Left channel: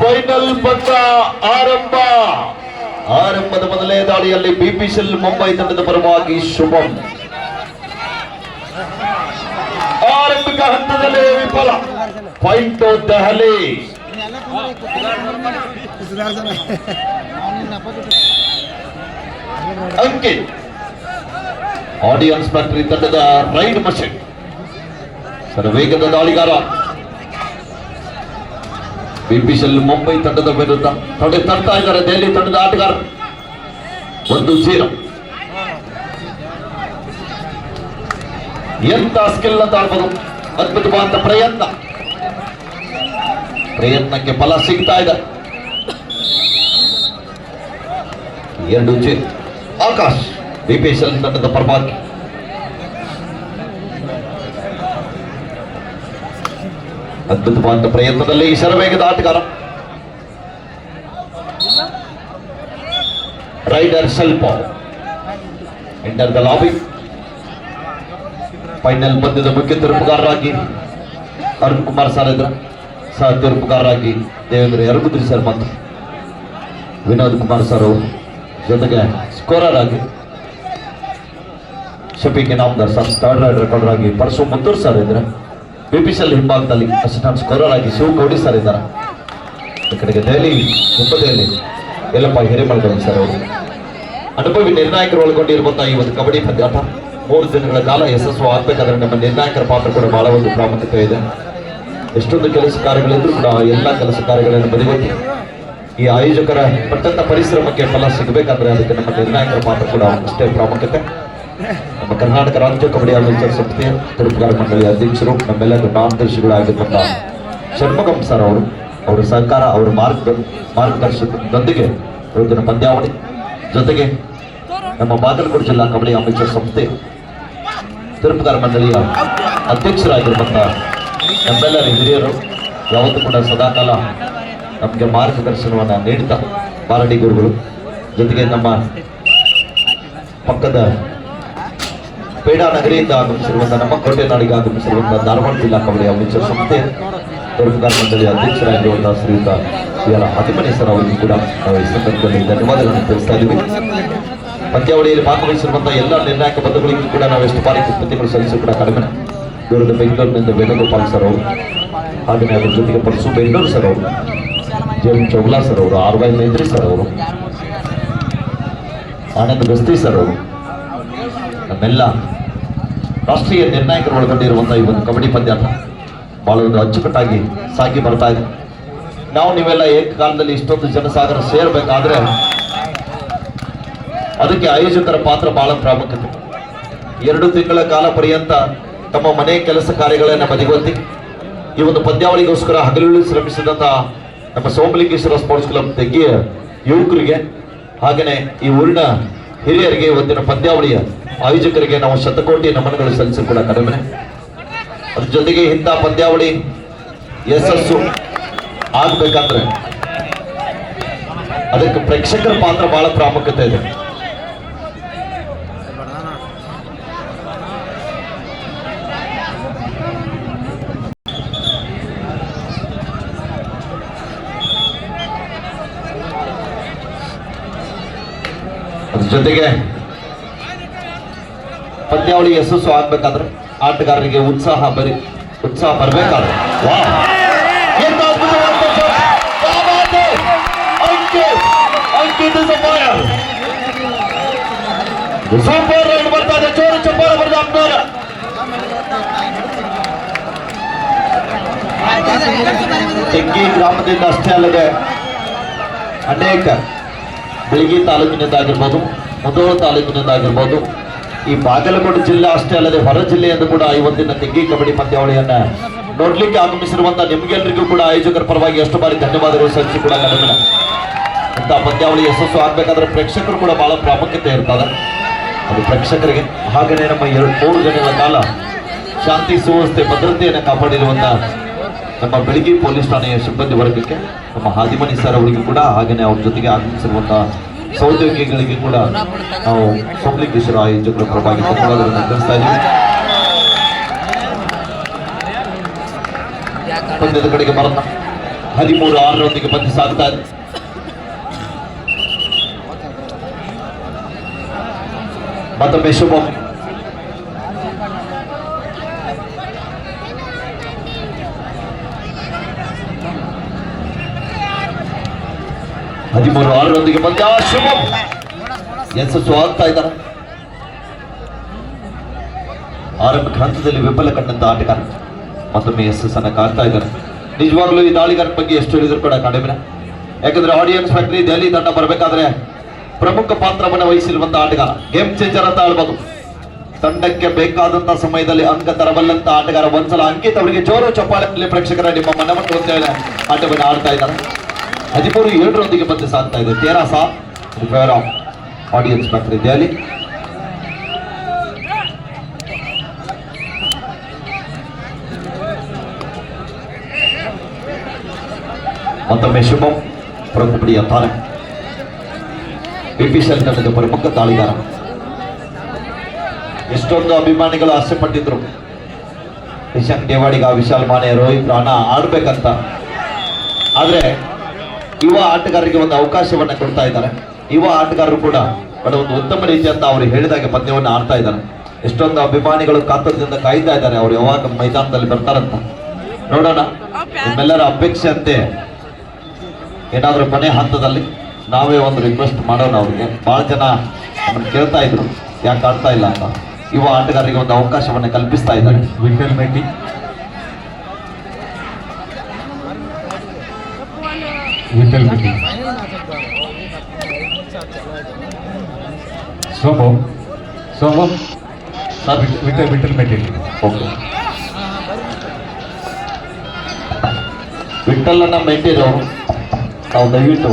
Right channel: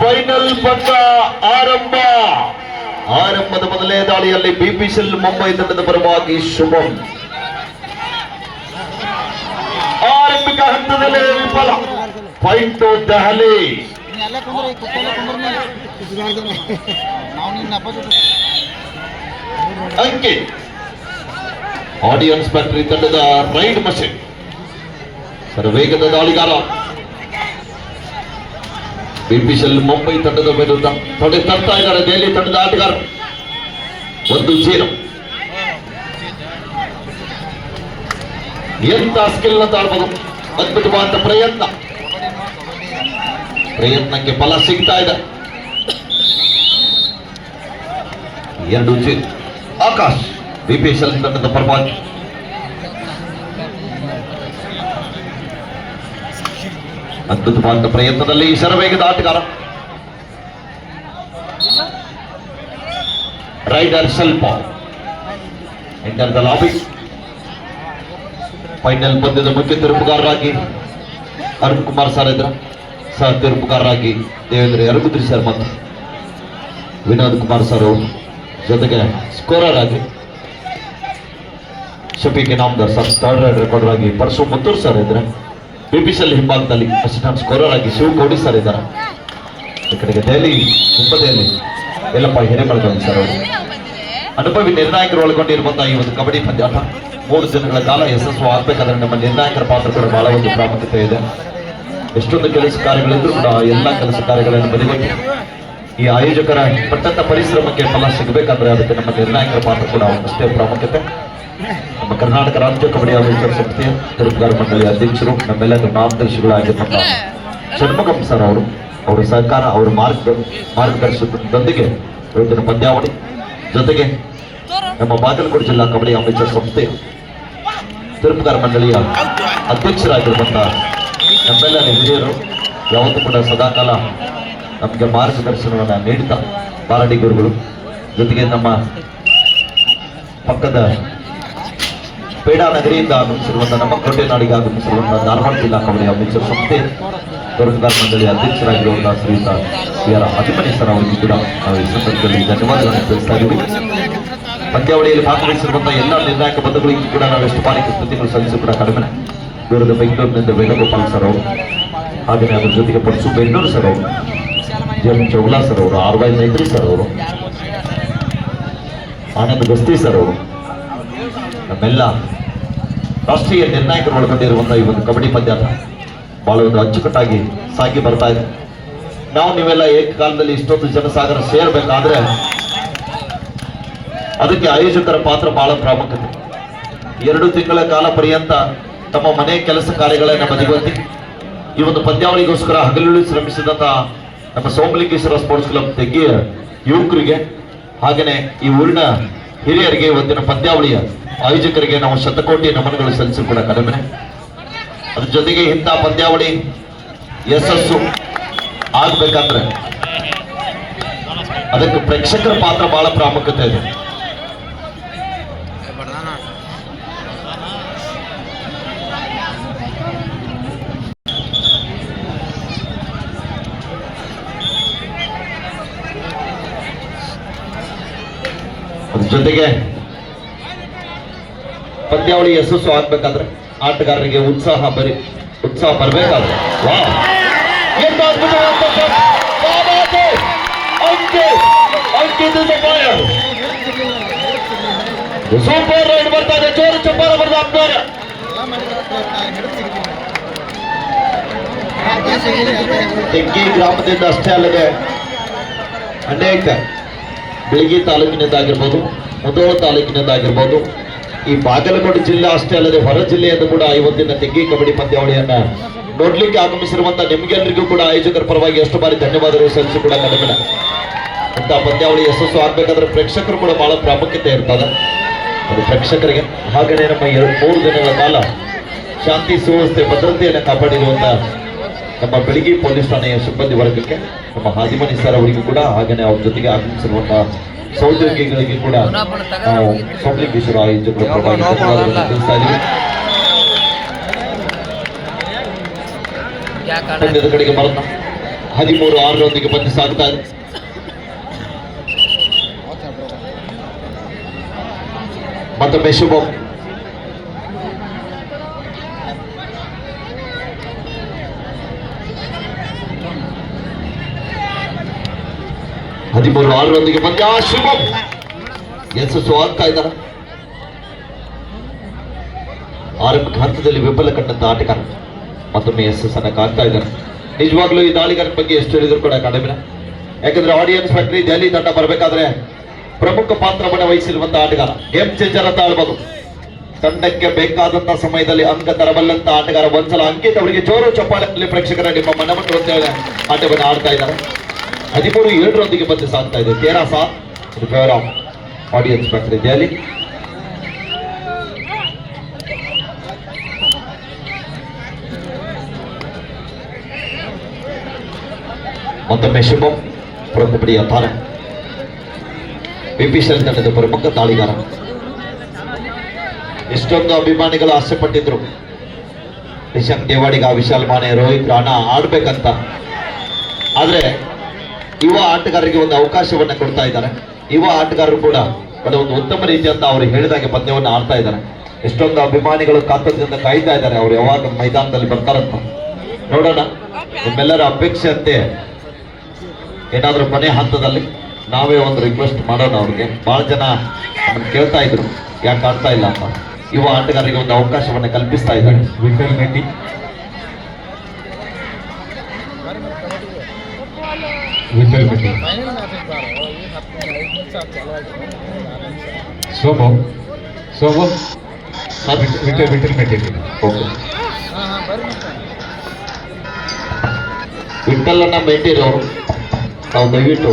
Final ಪಂದ್ಯ ಆರಂಭದ ಮೊದಲನೇ ದಾಳಿಯಲ್ಲಿ ಬಿಪಿಸಿಎಲ್ ಮುಂಬೈ ತಂಡದ ಪರವಾಗಿ ಶುಭಂ ಆರಂಭಿಕ ಹಂತದಲ್ಲಿ ವಿಫಲ. ಪಾಯಿಂಟ್ ದೆಹಲಿ. ಅಂಕಿ ಆಡಿಯನ್ಸ್ ಫ್ಯಾಕ್ಟರಿ ತಂಡದ ರೈಡ್ ಮಷಿನ್ ಸರ್ ವೇಗದ ದಾಳಿಗಾರ. ಬಿಪಿಸಿಎಲ್ ಮುಂಬೈ ತಂಡದ ವಿರುದ್ಧ ತೊಡೆ ತರ್ತಾ ಇದ್ದಾರೆ ದೆಹಲಿ ತಂಡದ ಆಟಗಾರ. 1-0. ಎಂತ ಸ್ಕಿಲ್ ಅಂತ ಆಡ್ಬೋದು. ಅದ್ಭುತವಾದ ಪ್ರಯತ್ನಕ್ಕೆ ಫಲ ಸಿಗ್ತಾ ಇದೆ. 2-0. ಆಕಾಶ್ ಬಿಪಿಸಿಎಲ್ ತಂಡದ ಪರವಾಗಿ. ಅದ್ಭುತವಾದ ಪ್ರಯತ್ನದಲ್ಲಿ ಶರವೇಗದ ಆಟಗಾರ ರೈಡರ್ ಸ್ವಲ್ಪ ಎಂಟರ್ ದ ಲಾಬಿ. ಫೈನಲ್ ಪಂದ್ಯದ ಮುಖ್ಯ ತೀರ್ಪುಗಾರರಾಗಿ ಅರುಣ್ ಕುಮಾರ್ ಸರ್ ಇದ್ರ, ಸಹ ತೀರ್ಪುಗಾರರಾಗಿ ದೇವೇಂದ್ರ ಯರಗುದ್ರಿ ಸರ್ ಮತ್ತು ವಿನೋದ್ ಕುಮಾರ್ ಸರ್ ಜೊತೆಗೆ ಸ್ಕೋರರ್ ಆಗಿ Shafiq Inamdar sir, third ride recorder ಆಗಿ ಪರಶು ಮುತ್ತೂರ್ ಸರ್ ಇದ್ರೆ, ಬಿಪಿಸಿಎಲ್ ಹಿಂಭಾಗದಲ್ಲಿ ಅಸಿಸ್ಟೆಂಟ್ ಸ್ಕೋರರ್ ಆಗಿ ಶಿವ ಗೌಡಿ ಸರ್ ಇದ್ದಾರೆ. ಈ ಕಡೆಗೆ ದೆಹಲಿ ಮುಂಬದಿಯಲ್ಲಿ ಎಲ್ಲಪ್ಪ ಹಿರೇಮಳಗೌಡ ಸರ್ ಅವರು. ಅನುಭವಿ ನಿರ್ಣಾಯಕರು ಒಳಗೊಂಡಿರುವಂತಹ ಈ ಒಂದು ಕಬಡ್ಡಿ ಪಂದ್ಯಾಟ 3 ದಿನಗಳ ಕಾಲ ಯಶಸ್ಸು ಆಗಬೇಕಾದ್ರೆ ನಮ್ಮ ನಿರ್ಣಾಯಕರ ಪಾತ್ರ ಕೂಡ ಬಹಳ ಒಂದು ಪ್ರಾಮುಖ್ಯತೆ ಇದೆ. ಎಷ್ಟೊಂದು ಕೆಲಸ ಕಾರ್ಯಗಳಿದ್ರು ಕೂಡ ಎಲ್ಲ ಕೆಲಸ ಕಾರ್ಯಗಳನ್ನು ಬದಿಗೊತ್ತಿ ಈ ಆಯೋಜಕರ ಪಟ್ಟಂತ ಪರಿಶ್ರಮಕ್ಕೆ ಫಲ ಸಿಗಬೇಕಾದ್ರೆ ಅದಕ್ಕೆ ನಮ್ಮ ನಿರ್ಣಾಯಕರ ಪಾತ್ರ ಕೂಡ ಅಷ್ಟೇ ಪ್ರಾಮುಖ್ಯತೆ. ನಮ್ಮ ಕರ್ನಾಟಕ ರಾಜ್ಯ ಕಬಡ್ಡಿ ಆಯೋಜಕ ಸಂಸ್ಥೆಯ ತೀರ್ಪುಗಾರ ಮಂಡಳಿಯ ಅಧ್ಯಕ್ಷರು, ನಮ್ಮೆಲ್ಲ ಮಾರ್ಗದರ್ಶಿಗಳಾಗಿರುವಂತಹ ಷಣ್ಮುಖಂ ಸರ್ ಅವರು, ಅವರ ಸಹಕಾರ, ಅವರ ಮಾರ್ಗದರ್ಶನದೊಂದಿಗೆ ಇವತ್ತಿನ ಪಂದ್ಯಾವಳಿ ಜೊತೆಗೆ ನಮ್ಮ ಬಾಗಲಕೋಟೆ ಜಿಲ್ಲಾ ಕಬಡ್ಡಿ ಅಮೇಚರ್ ಸಂಸ್ಥೆ ತೀರ್ಪುಗಾರ ಮಂಡಳಿಯ ಅಧ್ಯಕ್ಷರಾಗಿರುವಂತಹ ನಮ್ಮೆಲ್ಲರ ಹಿರಿಯರು ಯಾವತ್ತೂ ಕೂಡ ಸದಾಕಾಲ ನಮಗೆ ಮಾರ್ಗದರ್ಶನವನ್ನು ನೀಡುತ್ತಾ ಬಾರಡಿ ಗುರುಗಳು, ಜೊತೆಗೆ ನಮ್ಮ ಪಕ್ಕದ ಪೇಡಾ ನಗರಿಯಿಂದ ಆಗಮಿಸಿರುವಂತಹ ನಮ್ಮ ಕೋಟೆನಾಡಿಗೆ ಆಗಮಿಸಿರುವಂತಹ ಧಾರವಾಡ ಜಿಲ್ಲಾ ಕಬಡ್ಡಿ ಅಮೇಚರ್ ಸಂಸ್ಥೆ ತೀರ್ಪುಗಾರ ಮಂಡಳಿಯ ಅಧ್ಯಕ್ಷರಾಗಿರುವಂತಹ ಶ್ರೀಯುತ ಅಭಿಮನ್ಯು ಸರ್ ಅವರಿಗೂ ಕೂಡ ನಾವು ಈ ಸಂದರ್ಭದಲ್ಲಿ ಧನ್ಯವಾದಗಳನ್ನು ತಿಳಿಸ್ತಾ ಇದ್ದೀವಿ. ಪಂದ್ಯಾವಳಿಯಲ್ಲಿ ಭಾಗವಹಿಸಿರುವಂತಹ ಎಲ್ಲ ನಿರ್ಣಾಯಕ ಪದಗಳಿಗೂ ಕೂಡ ನಾವು ಎಷ್ಟು ಪಾಲಿಕೆ ಕೃತಿಗಳು ಸಲ್ಲಿಸಿ ಕೂಡ ಕಡಿಮೆ. ದೂರದ ಬೆಂಗಳೂರಿನಿಂದ ವೇಣುಗೋಪಾಲ್ ಸರ್ ಅವರು, ಹಾಗೆಯೇ ಅದರ ಜೊತೆಗೆ ಪರಶು ಬೆಂಗಳೂರು ಸರ್ ಅವರು, ಜೀವನ್ ಚೌಗ್ಲಾ ಸರ್ ಅವರು, RY ನೈತ್ರಿ ಸರ್ ಅವರು, ಆನಂದ್ ಬಸ್ತಿ ಸರ್ ಅವರು, ನಮ್ಮೆಲ್ಲ ರಾಷ್ಟ್ರೀಯ ನಿರ್ಣಾಯಕರು ಒಳಗೊಂಡಿರುವಂತಹ ಈ ಒಂದು ಕಬಡ್ಡಿ ಪಂದ್ಯಾಟ ಬಹಳ ಒಂದು ಅಚ್ಚುಕಟ್ಟಾಗಿ ಸಾಗಿ ಬರ್ತಾ ಇದೆ. ನಾವು ನೀವೆಲ್ಲ ಏಕಕಾಲದಲ್ಲಿ ಇಷ್ಟೊಂದು ಜನಸಾಗರ ಸೇರ್ಬೇಕಾದ್ರೆ ಅದಕ್ಕೆ ಆಯೋಜಕರ ಪಾತ್ರ ಬಹಳ ಪ್ರಾಮುಖ್ಯತೆ. 2 ತಿಂಗಳ ಕಾಲ ಪರ್ಯಂತ ತಮ್ಮ ಮನೆ ಕೆಲಸ ಕಾರ್ಯಗಳನ್ನು ಬದಿಗೊತ್ತಿ ಈ ಒಂದು ಪಂದ್ಯಾವಳಿಗೋಸ್ಕರ ಹಗಲಿರುಳು ಶ್ರಮಿಸಿದಂತಹ ನಮ್ಮ ಸೋಮಲಿಂಗೇಶ್ವರ ಸ್ಪೋರ್ಟ್ಸ್ ಕ್ಲಬ್ ತೆಗ್ಗಿಯ ಯುವಕರಿಗೆ, ಹಾಗೆಯೇ ಈ ಊರಿನ ಹಿರಿಯರಿಗೆ, ಇವತ್ತಿನ ಪಂದ್ಯಾವಳಿಯ ಆಯೋಜಕರಿಗೆ ನಾವು ಶತಕೋಟಿ ನಮನಗಳು ಸಲ್ಲಿಸಿ ಕೂಡ ಕಡಿಮೆ. ಅದ್ರ ಜೊತೆಗೆ ಇಂಥ ಪಂದ್ಯಾವಳಿ ಯಶಸ್ಸು ಆಗ್ಬೇಕಾದ್ರೆ ಅದಕ್ಕೆ ಪ್ರೇಕ್ಷಕರ ಪಾತ್ರ ಬಹಳ ಪ್ರಾಮುಖ್ಯತೆ ಇದೆ. ಅದ್ರ ಜೊತೆಗೆ ಪಂದ್ಯಾವಳಿ ಯಶಸ್ಸು ಆಗ್ಬೇಕಾದ್ರೆ ಆಟಗಾರರಿಗೆ ಉತ್ಸಾಹ ಬರಬೇಕಾದ್ರೆ ಸೂಪರ್ ರೈಡ್ ಬರ್ತಾ ಇದೆ. ಚೋರು ಚಪ್ಪಾಳ ಬರೆದ ಅಪ್ನವರ ತೆಗ್ಗಿ ಗ್ರಾಮದಿಂದ ಅಷ್ಟೇ ಅಲ್ಲದೆ ಅನೇಕ ಬೆಳಗಿ ತಾಲೂಕಿನದ್ದಾಗಿರ್ಬೋದು, ಮುಧೋಳ ತಾಲೂಕಿನದ್ದಾಗಿರ್ಬೋದು, ಈ ಬಾಗಲಕೋಟೆ ಜಿಲ್ಲೆ ಅಷ್ಟೇ ಅಲ್ಲದೆ ಹೊರ ಜಿಲ್ಲೆಯಿಂದ ಕೂಡ ಇವತ್ತಿನ ತೆಗ್ಗಿ ಕಬಡ್ಡಿ ಪಂದ್ಯಾವಳಿಯನ್ನ ನೋಡ್ಲಿಕ್ಕೆ ಆಗಮಿಸಿರುವಂತಹ ನಿಮ್ಗೆಲ್ಲರಿಗೂ ಕೂಡ ಆಯೋಜಕರ ಪರವಾಗಿ ಎಷ್ಟು ಬಾರಿ ಧನ್ಯವಾದಗಳು ಸಲ್ಲಿಸಿ ಕೂಡ ಕಡಿಮೆ. ಇಂಥ ಪಂದ್ಯಾವಳಿ ಯಶಸ್ಸು ಆಗ್ಬೇಕಾದ್ರೆ ಪ್ರೇಕ್ಷಕರು ಕೂಡ ಬಹಳ ಪ್ರಾಮುಖ್ಯತೆ ಇರ್ತದೆ. ಅದು ಪ್ರೇಕ್ಷಕರಿಗೆ, ಹಾಗೆಯೇ ನಮ್ಮ 3 ದಿನಗಳ ಕಾಲ ಶಾಂತಿ ಸುವ್ಯವಸ್ಥೆ ಭದ್ರತೆಯನ್ನು ಕಾಪಾಡಿರುವಂತಹ ನಮ್ಮ ಬೆಳಗ್ಗೆ ಪೊಲೀಸ್ ಠಾಣೆಯ ಸಿಬ್ಬಂದಿ ವರ್ಗಕ್ಕೆ, ನಮ್ಮ ಹಾದಿಮನಿ ಸರ್ ಅವರಿಗೂ ಕೂಡ, ಹಾಗೆಯೇ ಅವ್ರ ಜೊತೆಗೆ ಆಗಮಿಸಿರುವಂತಹ ಸಹೋದ್ಯೋಗಿಗಳಿಗೆ ಕೂಡ ನಾವು ಸೋಮಲಿಂಗೇಶ್ವರ ಆಯೋಜಕರ ಪರವಾಗಿ ಧನ್ಯವಾದಗಳನ್ನು ತಿಳಿಸ್ತಾ ಇದ್ದೀವಿ. ಪಂದ್ಯದ ಕಡೆಗೆ ಬರೋಣ. 13-6 ಪಂದ್ಯ ಸಾಗ್ತಾ ಇದೆ. ಮತ್ತೊಮ್ಮೆ ಶುಭಂ. ಪಂದ್ಯ ಶುಭಂ ಯಶಸ್ಸು ಆಗ್ತಾ ಇದ್ದಾರೆ. ಆರಂಭಿಕ ಹಂತದಲ್ಲಿ ವಿಫಲ ಕಂಡಂತ ಆಟಗಾರ ಮತ್ತೊಮ್ಮೆ ಯಶಸ್ಸನ್ನು ಕಾಣ್ತಾ ಇದ್ದಾರೆ. ನಿಜವಾಗ್ಲೂ ಈ ದಾಳಿಗಾರನ ಬಗ್ಗೆ ಎಷ್ಟು ಹೇಳಿದ್ರು ಕೂಡ ಕಡಿಮೆ. ಯಾಕಂದ್ರೆ ಆಡಿಯನ್ಸ್ ಫ್ಯಾಕ್ಟರಿ ದೆಹಲಿ ತಂಡ ಬರಬೇಕಾದ್ರೆ ಪ್ರಮುಖ ಪಾತ್ರವನ್ನು ವಹಿಸಿರುವಂತಹ ಆಟಗಾರ, ಗೇಮ್ ಚೇಂಜರ್ ಅಂತ ಹೇಳ್ಬೋದು. ತಂಡಕ್ಕೆ ಬೇಕಾದಂತಹ ಸಮಯದಲ್ಲಿ ಅಂಕ ತರಬಲ್ಲಂತ ಆಟಗಾರ. ಒಂದ್ಸಲ ಅಂಕಿತ್ ಅವರಿಗೆ ಜೋರು ಚಪ್ಪಾಳೆಯಲ್ಲಿ ಪ್ರೇಕ್ಷಕರ ನಿಮ್ಮ ಮನವನ್ನು ಹೊಂದಿದೆ ಆಟವನ್ನು ಆಡ್ತಾ ಇದ್ದಾರೆ. 13-7 ಪಂದ್ಯ ಸಾಗ್ತಾ ಇದೆ. 13-7 favour of audience factory Delhi. ಮತ್ತೊಮ್ಮೆ ಶುಭಂ ಪ್ರಮುಖ ತಾರೆ ಬಿಪಿಸಿಎಲ್ ತಂಡದ ಪ್ರಮುಖ ದಾಳಿಗಾರ. ಎಷ್ಟೊಂದು ಅಭಿಮಾನಿಗಳು ಆಸೆ ಪಟ್ಟಿದ್ರು ನಿಶಾಂಕ್ ದೇವಾಡಿಗ, ವಿಶಾಲ್ ಮಾನೆ, ರೋಹಿತ್ ರಾಣಾ ಆಡ್ಬೇಕಂತ. ಆದ್ರೆ ಯುವ ಆಟಗಾರರಿಗೆ ಒಂದು ಅವಕಾಶವನ್ನ ಕೊಡ್ತಾ ಇದ್ದಾರೆ. ಯುವ ಆಟಗಾರರು ಕೂಡ ಒಂದು ಉತ್ತಮ ರೀತಿಯಂತ ಅವರು ಹೇಳಿದಾಗೆ ಪಂದ್ಯವನ್ನು ಆಡ್ತಾ ಇದ್ದಾರೆ. ಎಷ್ಟೊಂದು ಅಭಿಮಾನಿಗಳು ಕಾತರದಿಂದ ಕಾಯ್ತಾ ಇದ್ದಾರೆ ಅವ್ರು ಯಾವಾಗ ಮೈದಾನದಲ್ಲಿ ಬರ್ತಾರಂತ. ನೋಡೋಣ. ನಿಮ್ಮೆಲ್ಲರ ಅಪೇಕ್ಷೆ ಅಂತೆ ಏನಾದ್ರೂ ಕೊನೆ ಹಂತದಲ್ಲಿ ನಾವೇ ಒಂದು ರಿಕ್ವೆಸ್ಟ್ ಮಾಡೋಣ. ಅವ್ರಿಗೆ ಬಹಳ ಜನ ನಮ್ಮನ್ನು ಕೇಳ್ತಾ ಇದ್ರು ಯಾಕೆ ಆಡ್ತಾ ಇಲ್ಲ ಅಂತ. ಯುವ ಆಟಗಾರರಿಗೆ ಒಂದು ಅವಕಾಶವನ್ನ ಕಲ್ಪಿಸ್ತಾ ಇದ್ದಾರೆ. ವಿಠಲ್ ಮೇಟಿ, ಸೋಮಂ ವಿಠಲ್ ಮೇಟಿ. ಓಕೆ, ವಿಠಲನ್ನ ಮೇಟಿರೋರು ನಾವು ದಯವಿಟ್ಟು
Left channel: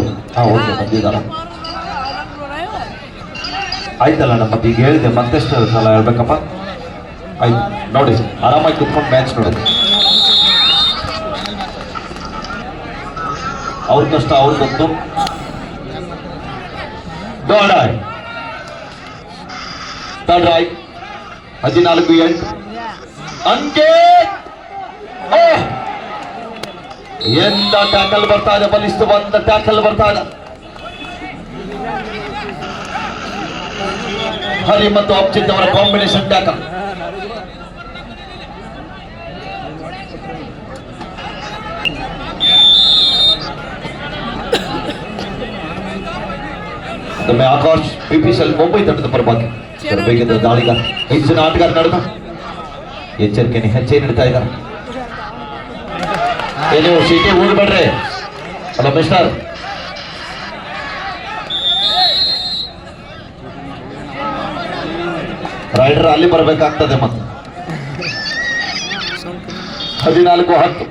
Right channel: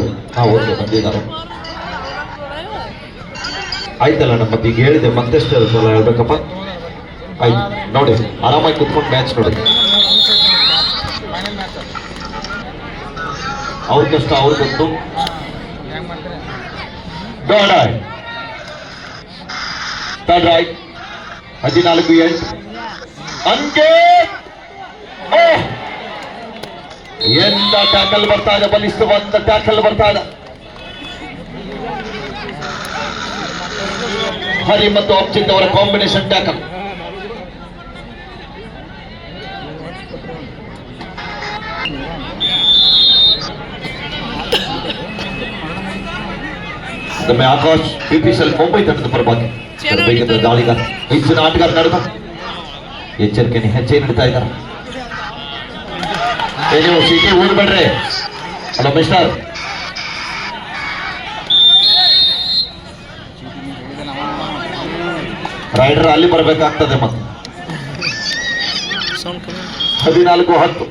ಓಕೆ ಬಂದಿದ್ದಾರೆ. ಆಯ್ತಲ್ಲ, ನಮ್ಮ ಈಗ ಹೇಳಿದೆ ಮತ್ತೆಷ್ಟು ಸಲ ಹೇಳ್ಬೇಕಪ್ಪ. ಆಯ್ತು ನೋಡಿ, ಆರಾಮಾಗಿ ಕುತ್ಕೊಂಡು ಮ್ಯಾಚ್ ನೋಡಿ. ಅವ್ರ ಕಷ್ಟ ಅವ್ರ ಗೊತ್ತು. ಗಾಡಾಯ್ 14-8 ಅಂಕೆ. ಎಂತ ಟ್ಯಾಕಲ್ ಬರ್ತಾ ಇದೆ, ಬಲಿಷ್ಠವಾದ ಟ್ಯಾಕಲ್ ಬರ್ತಾ ಇದೆ. ಹರಿ ಮತ್ತು ಅಬ್ಜಿತ್ ಅವರ ಕಾಂಬಿನೇಷನ್ ಟ್ಯಾಕಲ್. ನಮ್ಮ ಆಕಾಶ್ ಬಿಪಿಸಿಎಲ್ ಮುಂಬೈ ತಂಡದ ಪರವಾಗಿ ವೇಗದ ದಾಳಿಗಾರ, ಹೆಚ್ಚಿನ ಆಟಗಾರ ನಡೆದ ಎಚ್ಚರಿಕೆಯನ್ನು ಹೆಚ್ಚೆ ನೀಡ್ತಾ ಇದ್ದಾರೆ. ನೀವು ಸಿಟಿ ಓಡ್ಬೇಡ್ರಿ. ಅಲ್ಲ ಮಿಸ್ಟರ್, ರೈಡರ್ ಅಲ್ಲಿ ಬರಬೇಕಾಗ್ತದೆ. ಮತ್ತೆ 14-10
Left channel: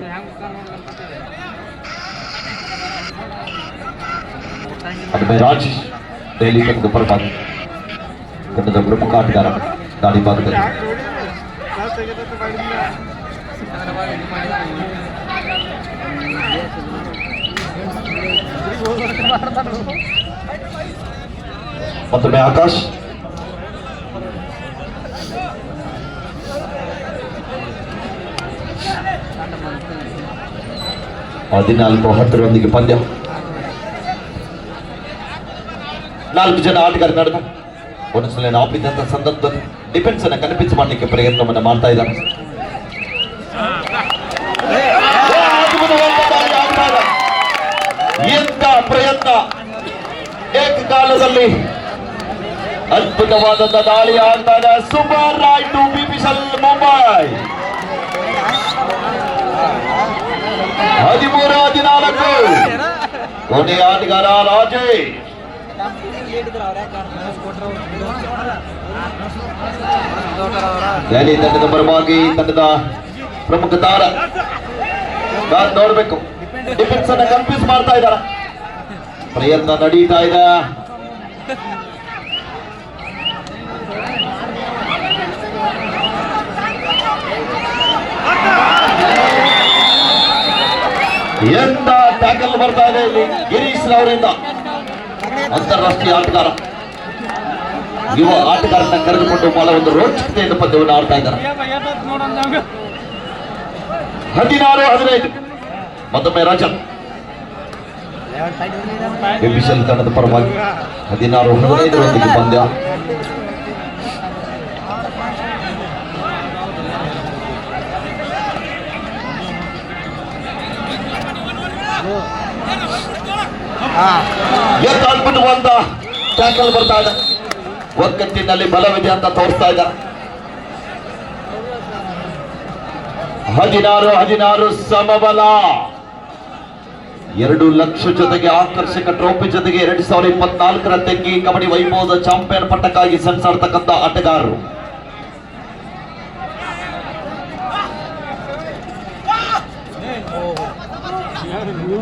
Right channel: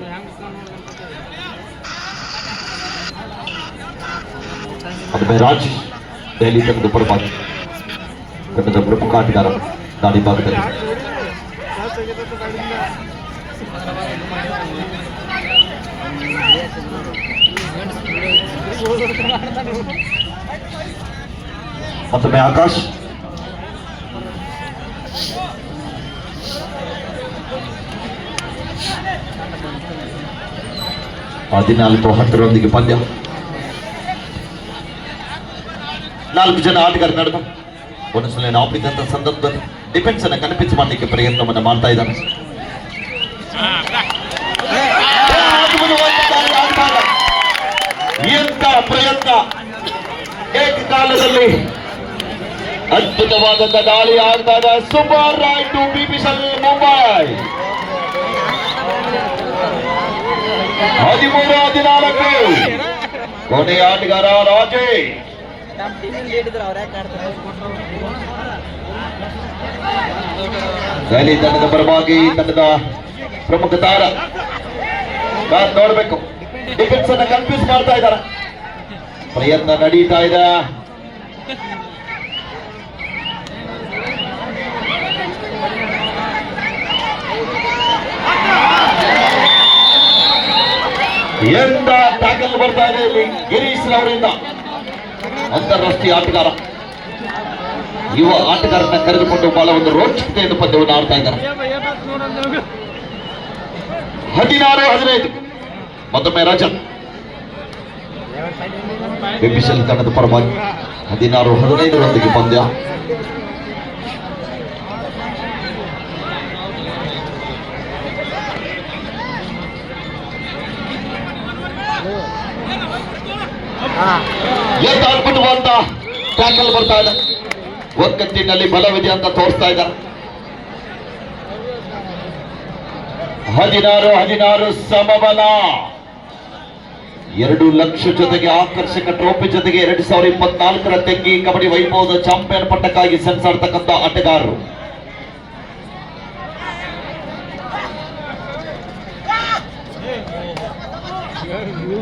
ಅದುಮೆ ರಾಜ್ ದೆಹಲಿ ತಂಡದ ಪರವಾಗಿ ತಂಡದ ಪ್ರಮುಖ ಆಟಗಾರ ದಾಳಿ ಭಾಗದಲ್ಲಿ. ಮತ್ತೊಮ್ಮೆ ಆಕಾಶ್. ಹದಿನಾಲ್ಕು 10 ಪಂದ್ಯ. 4 ಜನ ಆಟಗಾರ ನಡೆದ ಒಂದೊಂದ್ಸಲ ಆಪಿದಂತ ಸಂದರ್ಭದಲ್ಲಿ ಡಿಫೆನ್ಸ್ ಅನ್ನ ಕನ್ಫ್ಯೂಸ್ ಮಾಡಲಿಕ್ಕೆ ಪ್ರಯತ್ನವನ್ನು ಮಾಡ್ತಾ ಇದ್ದಾರೆ. ಎಂತ ಪ್ರಯತ್ನ! ಏಕಕಾಲದಲ್ಲಿ ಅದ್ಭುತವಾದಂತ ದಾಳಿ ಆಗ್ತಾದ. Super raid to BPCL Mumbai. 13-14 ಕೊನೆಯ ಆಟಗಾರ ರಾಜೇ. ದೆಹಲಿ ತಂಡದ ಪರವಾಗಿ ತಂಡದ ಪ್ರಮುಖ ತಾರ ನೋಡ್ಬೇಕು. ಡಿಫೆನ್ಸ್ ಅನ್ನ ಕನ್ಫ್ಯೂಸ್ ಮಾಡ್ತಾ ಇದ್ದಾರೆ. ಪ್ರಯತ್ನ ನಡೀತಾ ಇದೆ. ಎಂತ ಟ್ಯಾಕಲ್ ಬರ್ತಾ ಇದೆ ಇಲ್ಲಿ ಗಿರೀಶ್ ಅವರಿಂದ. ಅಂತಾರಾಷ್ಟ್ರೀಯ ಆಟಗಾರ, ಯುವ ಆಟಗಾರನ ಕರೆದುಕೊಂಡು ಬಹಳ ಒಂದು ರೋಚಕತೆಯಿಂದ ಪಂದ್ಯವನ್ನು ಆಡ್ತಾ ಇದ್ದಾರೆ. 16-15 ಮತ್ತೊಮ್ಮೆ ರಜತ್ ಬಿಪಿಸಲ್ ತಂಡದ ಪರವಾಗಿ 16-15 ಪಂದ್ಯ. ಅದ್ಭುತವಾದ ಟ್ಯಾಕಲ್ ಬರ್ತಾ ಇದೆ. ಒಕ್ಕಟ್ಟಿನಲ್ಲಿ ಬಲವಿದೆ ಅಂತ ತೋರಿಸ್ತಾ ಇದ್ದಾರೆ. 16-16 ಸಮಬಲ. 2 ಲಕ್ಷ ಜೊತೆಗೆ ಆಕರ್ಷಕ ಟ್ರೋಫಿ ಜೊತೆಗೆ 2024 ತೆಗ್ಗಿ ಕಬಡ್ಡಿ ವೈಭವದ ಚಾಂಪಿಯನ್ ಪಟ್ಟಕ್ಕಾಗಿ ಸೆಣಸಾಡ್ತಕ್ಕಂಥ ಆಟಗಾರರು.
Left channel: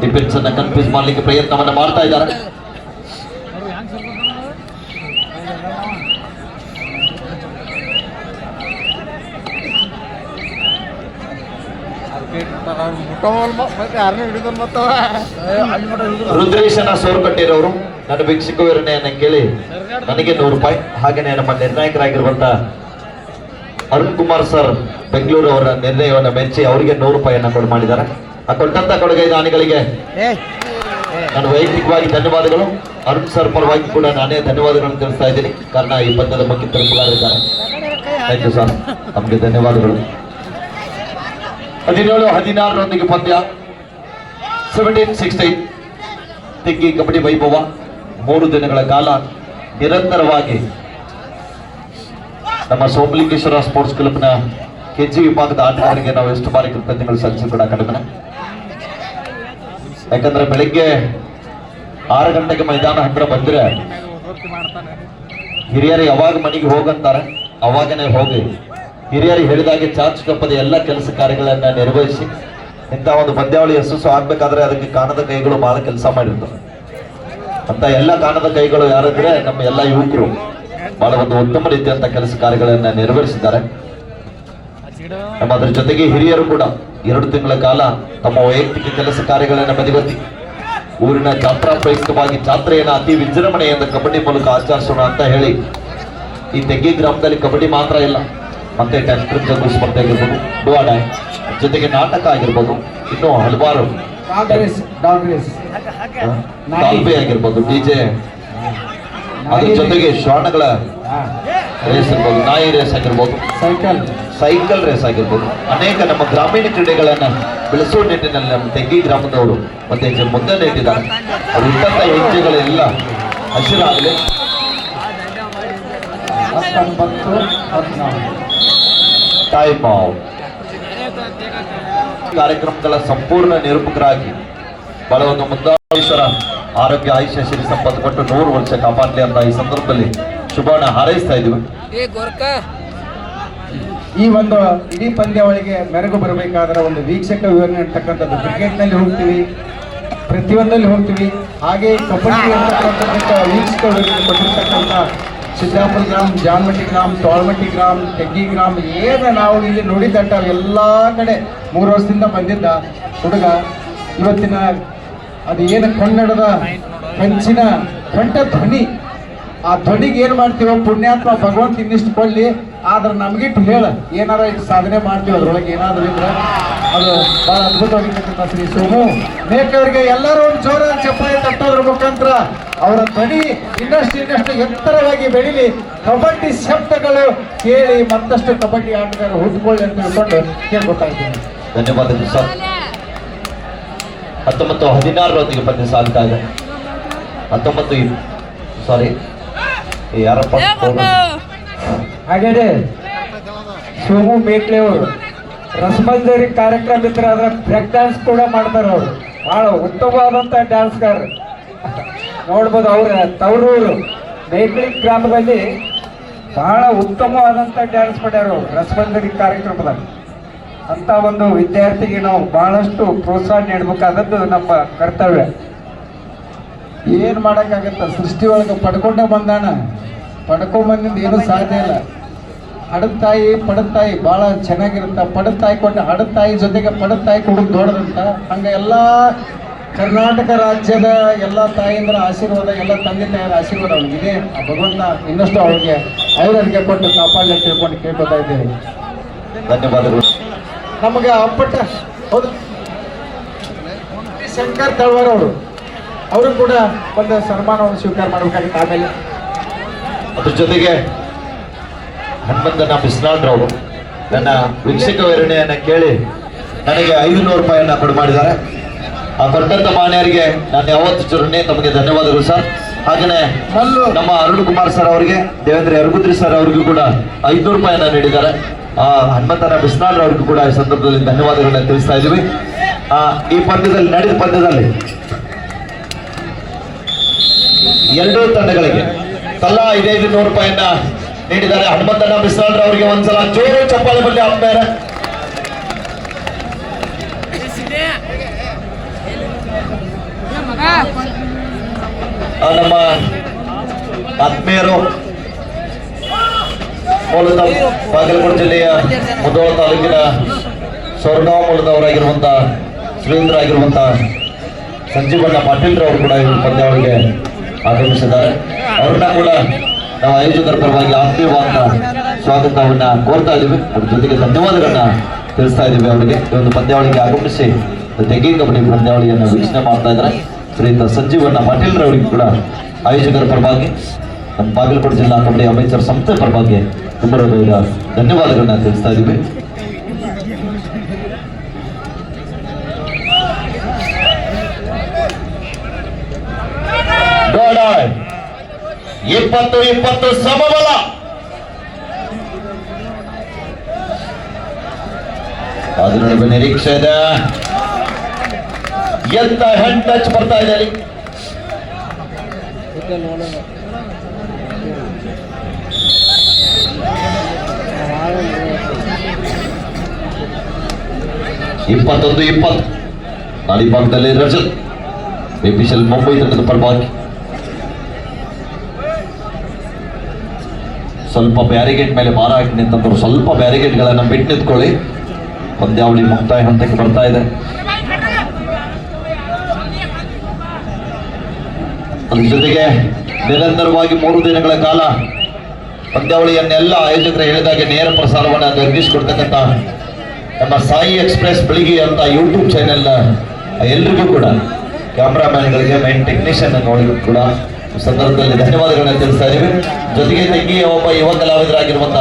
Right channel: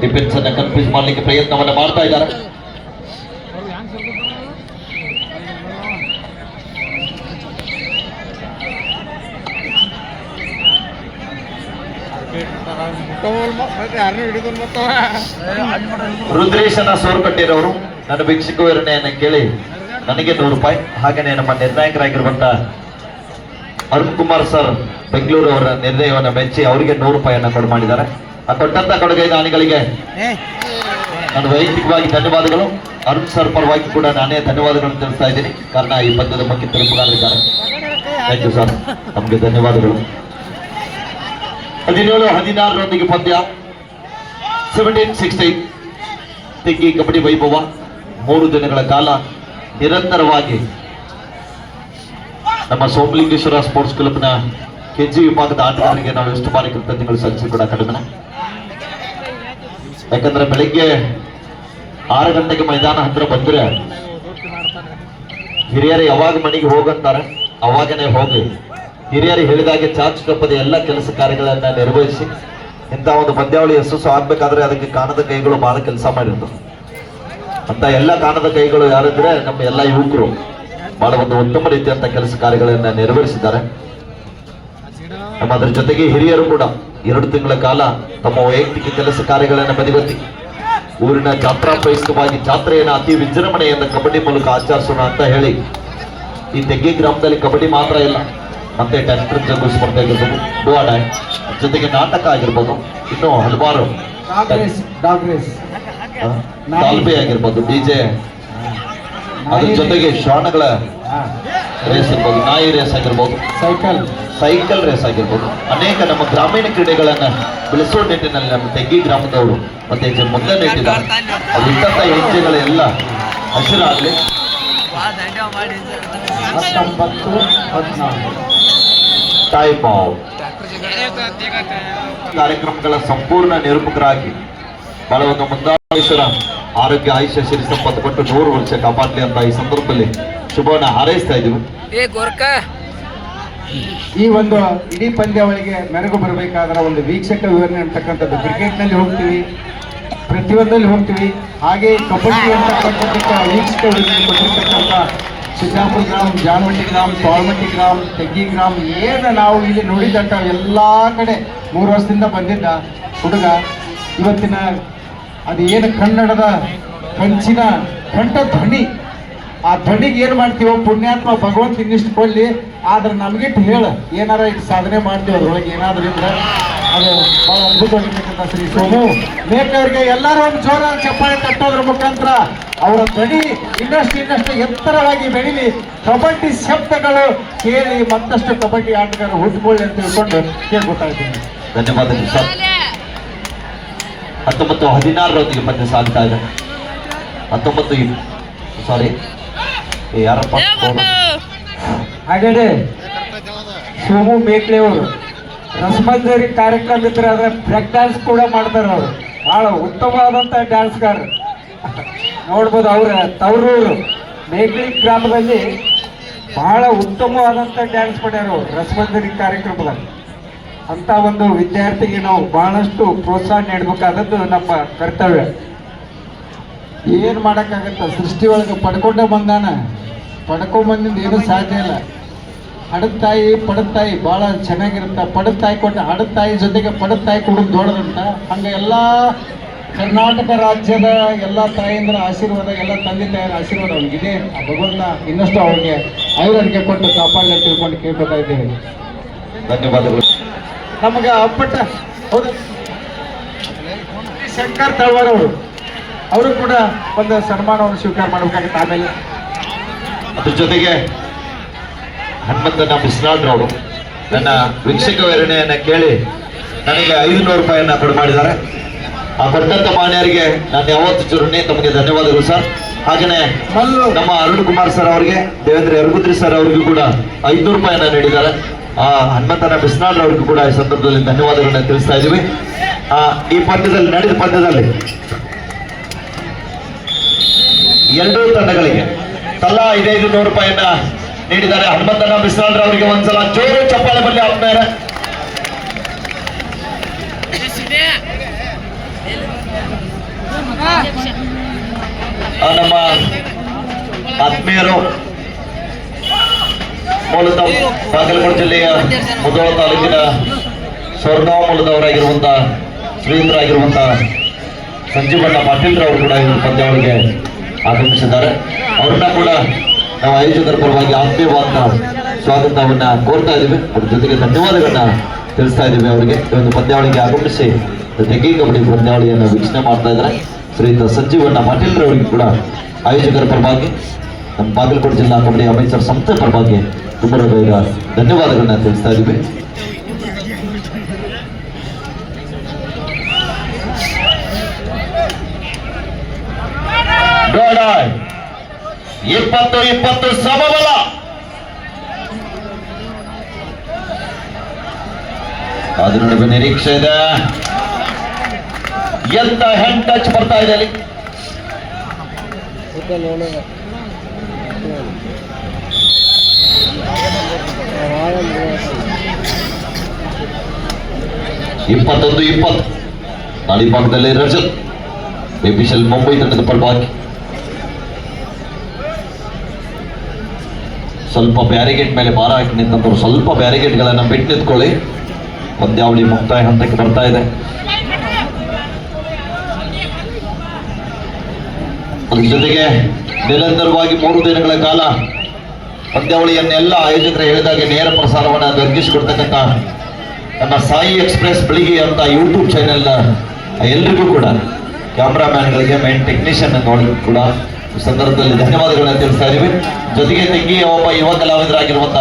ಡಿಫೆನ್ಸ್ ಅನ್ನ ಕನ್ಫ್ಯೂಸ್ ಮಾಡಲಿಕ್ಕೆ ಪ್ರಯತ್ನವನ್ನ ಮಾಡ್ತಾ ಇದ್ದಾರೆ. ರುದ್ರೇಶನ ಸೋರ್ಪಟ್ಟಿರೋರು ನನ್ನ ಭಿಕ್ಷುಕ ವಿವರಣೆಯನ್ನ ಕೇಳಿ ನನಗೆ 100 ರೂಪಾಯಿ, ಹಾಗೆಯೇ ನಮ್ಮ ನಿರ್ಣಾಯಕರಾಗಿರುವಂತಹ ಅರುಣ್ ಕುಮಾರ್ ಸರ್ ಬೆಂಗಳೂರು ಅವರ ನಿರ್ಣಯವನ್ನ ಮೆಚ್ಚಿ ಅವರಿಗೆ 100 ರೂಪಾಯಿಯನ್ನ ಕೊಡು ಮಾಡಿದ್ದಾರೆ. ಆ ಕೊಟ್ಟಂತ ಕೊಡುಗೆ ದಾನಿಗಳಿಗೆ ನಾನು ವೈಯಕ್ತಿಕವಾಗಿ ಧನ್ಯವಾದಗಳು. ಅರುಣ್ ಸರ್ ಪರವಾಗಿ ಕೂಡ ನಾನೇ ಧನ್ಯವಾದಗಳನ್ನು ತಿಳಿಸ್ತಾ ಇದ್ದೀನಿ. ಕಾರಣ ಈ ಪಂದ್ಯದ ಮುಖ್ಯ ತಲುಪಲಾಗಿದ್ದಾರೆ. ಥ್ಯಾಂಕ್ ಯು ಸರ್, ನಮಗೆ ಧನ್ಯವಾದಗಳು. 17-16 ಪಂದ್ಯ. 17-16 ತೆಗ್ಗಿ ಕಬಡ್ಡಿ ವೈಭವ 3 ದಿನಗಳ ಕಾಲ ನಿರಂತರವಾಗಿ ನಮ್ಮ ಸೋಮಲಿಂಗೇಶ್ವರ ಸ್ಪೋರ್ಟ್ಸ್ ಕ್ಲಬ್ನ ಕೆಜಿ ವಿಭಾಗದ ಆಟಗಾರರಿಗೆ ನಾವು ಎಷ್ಟು ಬಾರಿ ಕೃತಜ್ಞತೆಗಳು ಸಲ್ಲಿಸಿ ಕೂಡ ಕಡಿಮೆ. ಯಾಕಂದ್ರೆ ಬೆಳಿಗ್ಗೆ 6 ಗಂಟೆಗೆ ಮೈದಾನ ಹತ್ರ ಬಂದ್ರೆ ಹಿರಿಯರು ಯಾವಾಗ ಮನೆಗೆ ಹೋಗಂತಾರೆ ಅವಾಗನೇ ಹೋಗಿ ಹಿರಿಯರು ಹೇಳಿದಾಗೆ ಚಾಚು ತಪ್ಪದ ಎಲ್ಲ ಕೆಲಸ ಕಾರ್ಯಗಳನ್ನ ನಿರ್ವಹಿಸಿ ಇಂಥ ಒಂದು ಪಂದ್ಯಾವಳಿ ಯಶಸ್ಸು ಆಗ್ಬೇಕಾದ್ರೆ ಅದಕ್ಕೆ ಕಾಣದ ಕೈಗಳು ಬಹಳ ಕೆಲಸ ಮಾಡಿರ್ತಾರೆ. ಅಂತ ಎಲ್ಲ ಕಾಣದ ಕೈಗಳು ಯಾರಿದ್ರೆ ನಮ್ಮ ಎಲ್ಲ ಯುವಕರು ಬಹಳ ಒಂದು ಉತ್ತಮ ರೀತಿಯಂತ ಕೆಲಸ ಕಾರ್ಯಗಳನ್ನ ನಿರ್ವಹಿಸಿದ್ದಾರೆ. ನಮ್ಮ ಅದ್ರ ಜೊತೆಗೆ ಹಿರಿಯರು ಕೂಡ 2 ತಿಂಗಳ ಕಾಲ ತಮ್ಮ ವೈಯಕ್ತಿಕ ಕೆಲಸ ಕಾರ್ಯಗಳನ್ನು ಬದಿಗೊತ್ತಿ ಊರಿನ ಜಾತ್ರಾಪಯುಕ್ತವಾಗಿ ಜಾತ್ರೆಯನ್ನು ಅತಿ ವಿಜೃಂಭಣೆಯಿಂದ ಕಬಡ್ಡಿ ಮೂಲಕ ಆಚರಿಸೋಣ ಅಂತ ಹೇಳಿ ಈ ತೆಗ್ಗಿ ಗ್ರಾಮದಲ್ಲಿ ಕಬಡ್ಡಿ ಮಾತ್ರ ಇಲ್ಲ, ಮತ್ತೆ ಟ್ರ್ಯಾಕ್ಟರ್ ಜಗ್ಗು ಸ್ಪರ್ಧೆ ಆಗಿರ್ಬೋದು, ಡುವಾಡ ಜೊತೆಗೆ ನಾಟಕ ಆಗಿರ್ಬೋದು, ಇನ್ನೂ ಹಲವಾರು ತಾಲ್ಬೆ ಆಗಿರ್ಬೋದು, ಡಿಜೆ, ಅದ್ರ ಜೊತೆಗೆ ಶ್ವಾನಗಳ ರೇಸ್ ಇರ್ಬೋದು, ನಾಯಿ ರೇಸ್ ಆಗಿರ್ಬೋದು, ಸೈಕಲ್ ರೇಸ್ ಆಗಿರ್ಬೋದು, ಅನೇಕ ನಮ್ಮ ಗ್ರಾಮೀಣ ಕ್ರೀಡೆಗಳನ್ನ ಬೆಳೆಸುವ ನಿಟ್ಟಿನಲ್ಲಿ ನಮ್ಮ ತೆಗ್ಗಿ ಗ್ರಾಮದವರು ಮತ್ತೆ ಮುಂದೆ ನೆಟ್ಟಿದ್ದಾರೆ. ಅದು ಇಟ್ಟಂತ ಯೋಜನೆಗಳೆಲ್ಲ ಹಸಿರಾಗಲಿ. 19-14 ಟೈಮ್ ಔಟ್. ಕಾರ್ಯಕ್ರಮಗಳ ಸಂಪೂರ್ಣ ನಿರೂಪಕರಾಗಿ ಬಹಳ ಒಂದು ಮುಂದಾಳೇಶ್ವರ ಆರೋಗ್ಯ ಆಯುಷ್ಯ ಸಿರಿ ಸಂಪತ್ತು ಕೊಟ್ಟು 100 ವರ್ಷ ಕಾಪಾಡಲಿ ಅಂತ ಈ ಸಂದರ್ಭದಲ್ಲಿ ಶುಭವನ್ನ ಹಾರೈಸ್ತಾ ಇದ್ದೀವಿ. ಈ ಒಂದು ಇಡೀ ಪಂದ್ಯಾವಳಿಗೆ ಮೆರುಗು ಬರಬೇಕಾದ್ರೆ ಒಂದು ವೀಕ್ಷಕ ವಿವರಣೆ ಅಂತಕ್ಕಂಥದ್ದು ಕ್ರಿಕೆಟ್ನಲ್ಲಿ ಹೋಗ್ತೀವಿ, ಪ್ರತಿಯೊಂದಲ್ಲಿ ಹೋಗ್ತೀವಿ, ಹಾಗೆ ಕಬಡ್ಡಿ ಅಂತಕ್ಕಂಥ ವೀಕ್ಷಕ ಕೊಟ್ಟಿರ್ತಕ್ಕಂಥ ಸಿದ್ದಾಪುರ ಗ್ರಾಮ, ಜಾನ್ಮಟ್ಟಿ ಗ್ರಾಮ, ತೋಳ್ಮಟ್ಟಿ ಗ್ರಾಮ, ತೆಗ್ಗಿ ಗ್ರಾಮ, ಏನು ನಾವು ಇಲ್ಲಿ ನೋಡಿದಂಥ ಎಲ್ಲ ಕಡೆ 3 ವರ್ಷದಿಂದ ಬಂದಿದ್ದ ಹುಡುಗ ಇವತ್ತಿನ ಅದು ಏನು ಕನ್ನಡದ ಕಂಚಿನ ಕಂಠ ಧ್ವನಿ, ಆ ಧ್ವನಿಗೆ ಏನು ಮಾಡ್ತೀವೋ ಪುಣ್ಯಾತ್ಮ ಭಗವಂತ ಇನ್ನಿಷ್ಟು ಕೊಡಲಿ. ಆದ್ರೆ ನಮಗಿಟ್ಟು ಹೇಳ ಏನಾರ ಇಟ್ಟು ಸಾಧನೆ ಮಾಡ್ತೀವಿ ಅದ್ರೊಳಗೆ ಏನಾದರೂ ಇದ್ರೆ ಅದು ಭಾಳ ಅದ್ಭುತವಾಗಿರ್ತಕ್ಕಂಥ ಶ್ರೀ ಸೋಮು ಮೇಕೆಯವರಿಗೆ ಎಲ್ಲರೂ ಒಂದು ಜೋರ ಚಪ್ಪಾಳೆ ತಟ್ಟೋದ್ರ ಮುಖಾಂತರ ಅವರ ಧ್ವನಿ ಇನ್ನಷ್ಟು ಎತ್ತರವಾಗಿ ಬೆಳೀಲಿ, ಕಬಡ್ಡಿ ಶಬ್ದಗಳು ಕೇಳಿ ಮತ್ತಷ್ಟು ಕಬಡ್ಡಿ ಆಟಗಾರರು ಹುಟ್ಟುಕೊಳ್ಳಿ ಅಂತ ತಿಳ್ಕೊಂಡು ಕೇಳ್ಕೊತಾ ಇದ್ದೀನಿ. ಧನ್ಯವಾದಗಳು ಸರ್. 19-16 ಪಂದ್ಯ ಸಾಗ್ತಾ ಇದೆ. 19 ಯಾರಪ್ಪ ಹಾಗೇನೆ ಸೋಮು ಮೇಕ್ಲೆ ಅವರು ರಸಮಂಜರಿ ಕಾರ್ಯಕ್ರಮ ಇದ್ರೆ ಅದರ ಬ್ರೇಕ್ ಡ್ಯಾನ್ಸ್ ಕೂಡ ಮಾಡ್ತಾರೆ. ಅವರು ಬಹಳ ಉತ್ತಮವಾದಂಥ ಡ್ಯಾನ್ಸ್ಗಾರರು ನೋಡ್ಬೋದು. ಅವರ ತವರೂರು ಮೇಕ್ಲಿ ಗ್ರಾಮದಲ್ಲಿ ಬಹಳ ಉತ್ತಮವಾದಂಥ ಡ್ಯಾನ್ಸ್ ಮಾಡ್ಯಾರ ಅವರು ರಸಮಂಜರಿ ಕಾರ್ಯಕ್ರಮದಲ್ಲಿ. ಅಂತ ಒಂದು ವಿದ್ಯಾರ್ಥಿಗೆ ನಾವು ಬಹಳಷ್ಟು ಪ್ರೋತ್ಸಾಹ ನೀಡಬೇಕಾದದ್ದು ನಮ್ಮ ಕರ್ತವ್ಯ. ಏನು ಮಾಡೋಕ್ಕಾಗತ್ತ, ಸೃಷ್ಟಿ ಒಳಗೆ ಪಡ್ಕೊಂಡೇ ಬಂದಾನ, ಪಡ್ಕೊಂಬಂದಿಂದ ಏನೂ ಸಾಧ್ಯ ಇಲ್ಲ. ಹಡದ ತಾಯಿ ಪಡದ ತಾಯಿ ಭಾಳ ಚೆನ್ನಾಗಿರುತ್ತೆ. ಪಡದ ತಾಯಿ ಕೊಟ್ಟು ಹಡದ ತಾಯಿ ಜೊತೆಗೆ ಪಡದ ತಾಯಿ ಕೊಡೋದು ದೊಡ್ಡದಂತ. ಹಂಗೆ ಎಲ್ಲ ಕರ್ನಾಟಕ ರಾಜ್ಯದ ಎಲ್ಲ ತಾಯಂದ್ರ ಆಶೀರ್ವಾದ, ಎಲ್ಲ ತಂದೆ ತಾಯಿಯರ ಆಶೀರ್ವಾದ ಅವನಿಗಿದೆ. ಆ ಭಗವಂತ ಇನ್ನಷ್ಟು ಅವ್ರಿಗೆ ಐವರಿಗೆ ಕೊಟ್ಟು ಕಾಪಾಡಲಿ ತಿಳ್ಕೊಂಡು ಕೇಳ್ಕೊತಾ ಇದ್ದೇನೆ. ಧನ್ಯವಾದಗಳು. ನಮಗೆ ಅಪ್ಪಟ್ಟ ಹೌದು ಶಂಕರ್ ತಳವಾರ್ ಅವರು ಕೂಡ ಒಂದು ಸನ್ಮಾನವನ್ನು ಸ್ವೀಕಾರ ಮಾಡಬೇಕಾಗಿತ್ತು. ಆಮೇಲೆ ಅದ್ರ ಜೊತೆಗೆ ಹನುಮಂತನ ಬಿಸ್ನಾಳ್ರವರು ನನ್ನ ವೀಕ್ಷಕ ವಿವರಣೆಯನ್ನ ಕೇಳಿ ನನಗೆ 500 ರೂಪಾಯಿಯನ್ನ ಕೊಡು ಮಾಡಿದ್ದಾರೆ. ಆ ಕೊಟ್ಟಂತ ಮಾನ್ಯರಿಗೆ ನಾನು ಯಾವತ್ತು ಚುರುಣೆ ತಮಗೆ ಧನ್ಯವಾದಗಳು ಸರ್. ಹಾಗೆಯೇ ನಮ್ಮ ಅರುಣ್ ಕುಮಾರ್ ಸರ್ ಅವರಿಗೆ, ದೇವೇಂದ್ರ ಯರಗುದ್ರಿ ಸರ್ ಅವರಿಗೂ ಕೂಡ 500 ರೂಪಾಯಿಯನ್ನ ನೀಡಿದ್ದಾರೆ. ಹನುಮಂತನ ಬಿಸ್ನಾಳ್ ಅವರಿಗೂ ಕೂಡ ಈ ಸಂದರ್ಭದಲ್ಲಿ ಧನ್ಯವಾದಗಳನ್ನ ತಿಳಿಸ್ತಾ ಇದ್ದೀವಿ. ಈ ಪಂದ್ಯದಲ್ಲಿ ನಡೆದ ಪಂದ್ಯದಲ್ಲಿ ಎರಡೂ ತಂಡಗಳಿಗೆ ತಲಾ 500 ರೂಪಾಯಿಯನ್ನ ನೀಡಿದ್ದಾರೆ. ಹನುಮಂತನ ಬಿಸ್ನಾಳ್ ಅವರಿಗೆ ಒಂದ್ಸಲ ಜೋರು ಚಪ್ಪಾಳೆ ಬರಲಿ ಆದ್ಮೇಲೆ. ನಮ್ಮ ಆತ್ಮೀಯರು ಮೂಲತಃ ಬಾಗಲಕೋಟೆ ಜಿಲ್ಲೆಯ ಮುಧೋಳ ತಾಲೂಕಿನ ಸ್ವರ್ಗಾಂವ ಮೂಲದವರಾಗಿರುವಂತ ಶ್ರೀಧರಾಗಿರುವಂತ ಸಂಜೀವಣ್ಣ ಪಾಟೀಲ್ ಅವರು ಕೂಡ ಈ ಪಂದ್ಯಾವಳಿಗೆ ಆಗಮಿಸಿದ್ದಾರೆ. ಅವ್ರನ್ನ ಕೂಡ ನಾವು ಆಯೋಜಕರ ಪರವಾಗಿ ಆತ್ಮೀಯವಾದ ಸ್ವಾಗತವನ್ನ ಕೋರ್ತಾ ಇದ್ದೀವಿ. ಅದ್ರ ಜೊತೆಗೆ ಧನ್ಯವಾದಗಳನ್ನ ತಿಳಿಸ್ತಾ ಇದ್ದೀವಿ ಅವರಿಗೆ. ಈ ಒಂದು ಪಂದ್ಯಾವಳಿಗೆ ಆಗಮಿಸಿ ತೆಗಿ ಕಬಡ್ಡಿ ಪಂದ್ಯಾವಳಿಯನ್ನು ವೀಕ್ಷಣೆ ಮಾಡ್ತಾ ಇದ್ದಾರೆ ಶ್ರೀಯುತ ಸಂಜೀವಣ್ಣ ಪಾಟೀಲ್ ಅವರಿಗೆ ಕೂಡ ಆಯೋಜಕರ ಪರವಾಗಿ ನಮ್ಮ ಬಾಗಲಕೋಟೆ ಜಿಲ್ಲಾ ಕಬಡ್ಡಿ ಅಮೇಚರ್ ಸಂಸ್ಥೆ ಪರವಾಗಿ ತುಂಬ ಧನ್ಯವಾದಗಳನ್ನ ತಿಳಿಸ್ತಾ ಇದ್ದೀವಿ. ಗೋಳ 20-20 ಸಮಬಲ. ಅದ್ರ ನಡುವೆ ನಿರೀಕ್ಷೆ ಇದೆ. ಎಂತ ಹೆಂಡ್ ಟಚ್ ಬರ್ತಾ ಇದೆ ಅಲ್ಲಿ. ಇಪ್ಪತ್ತೊಂದು 20 ನಾಡಿ ಭಾಗದಲ್ಲಿ ರಜತ್ ಬಿಪಿಎಲ್ ಮುಂಬೈ ತಂಡದ ಪರವಾಗಿ ಸ್ವಲ್ಪ ಬ್ಯಾರಿಗೇಡ್ ಮೇಲೆ ಭಾರ ಹಾಕಿ ನಿಂತಂತವ್ರು ಸ್ವಲ್ಪ ಬ್ಯಾರಿಗೇಡ್ಗಳನ್ನು ಬಿಟ್ಟು ನಿಂತ್ಕೊಳ್ಳಿ. ಪಂದ್ಯಾವಳಿ ಮುಕ್ತಾಯ ಹಂತಕ್ಕೆ ಬರ್ತಾ ಇದೆ. ಅದ್ರ ಜೊತೆಗೆ ನಿರಂತರವಾಗಿ 3 ದಿನಗಳ ಕಾಲ ಪಂದ್ಯಾವಳಿಯನ್ನೆಲ್ಲ ಆಯೋಜಕರು ಹೇಳಿದಾಗೆ ನೇರ ಪ್ರಸಾರವನ್ನು ನಿರ್ಮಿಸಿಕೊಡ್ತಕ್ಕಂಥ ನಮ್ಮ ಸಾಯಿ ಎಕ್ಸ್ಪ್ರೆಸ್ ಬೆಳಿಗ್ಗೆ ಅಂತ ಯೂಟ್ಯೂಬ್ ಚಾನೆಲ್ ಎಲ್ರಿಗೂ ಕೂಡ ಕ್ಯಾಮ್ರಾಮ್ಯಾನ್ಗಳಿಗೆ, ಮೇನ್ ಟೆಕ್ನಿಷಿಯನ್ ನೋಡಲು ಕೂಡ ಸಂದರ್ಭದಲ್ಲಿ ಧನ್ಯವಾದಗಳನ್ನ ತಿಳಿಸ್ತಾ ಇದ್ದೀವಿ. ಜೊತೆಗೆ ತೆಂಗಿಯ ಒಬ್ಬ ಯುವ ಕಲಾವಿದರಾಗಿರುವಂತ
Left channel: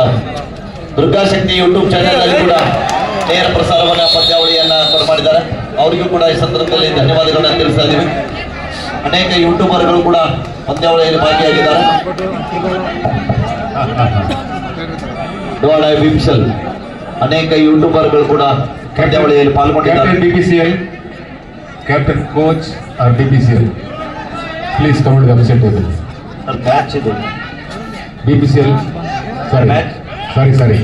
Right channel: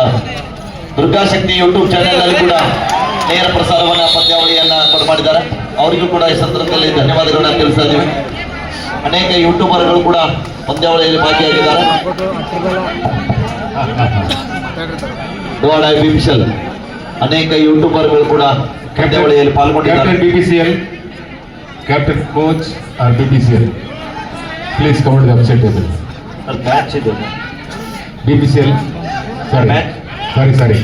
ದುರ್ಗಾಶಕ್ತಿ ಯೂಟ್ಯೂಬ್ ಚಾನೆಲ್ ಅಲ್ಲಿ ಕೂಡ ನೇರ ಪ್ರಸಾರವನ್ನ ಪಂದ್ಯಾವಳಿಯನ್ನ ಮಾಡಿದ್ದಾರೆ. ಅವರಿಗೂ ಕೂಡ ಈ ಸಂದರ್ಭದಲ್ಲಿ ಧನ್ಯವಾದಗಳನ್ನ ತಿಳಿಸ್ತಾ ಇದ್ದೀವಿ. ಅನೇಕ ಯೂಟ್ಯೂಬರ್ಗಳು ಕೂಡ ಪಂದ್ಯಾವಳಿಯಲ್ಲಿ ಭಾಗಿಯಾಗಿದ್ದಾರೆ. ಬಿಪಿಎಲ್ ಅನೇಕ ಯೂಟ್ಯೂಬರ್ಗಳು ಕೂಡ ಪಂದ್ಯಾವಳಿಯಲ್ಲಿ ಪಾಲ್ಗೊಂಡಿದ್ದಾರೆ. BPCL, Captain, Coach or BPCL, please come to the official table. Match ಇದು BPCL, sorry.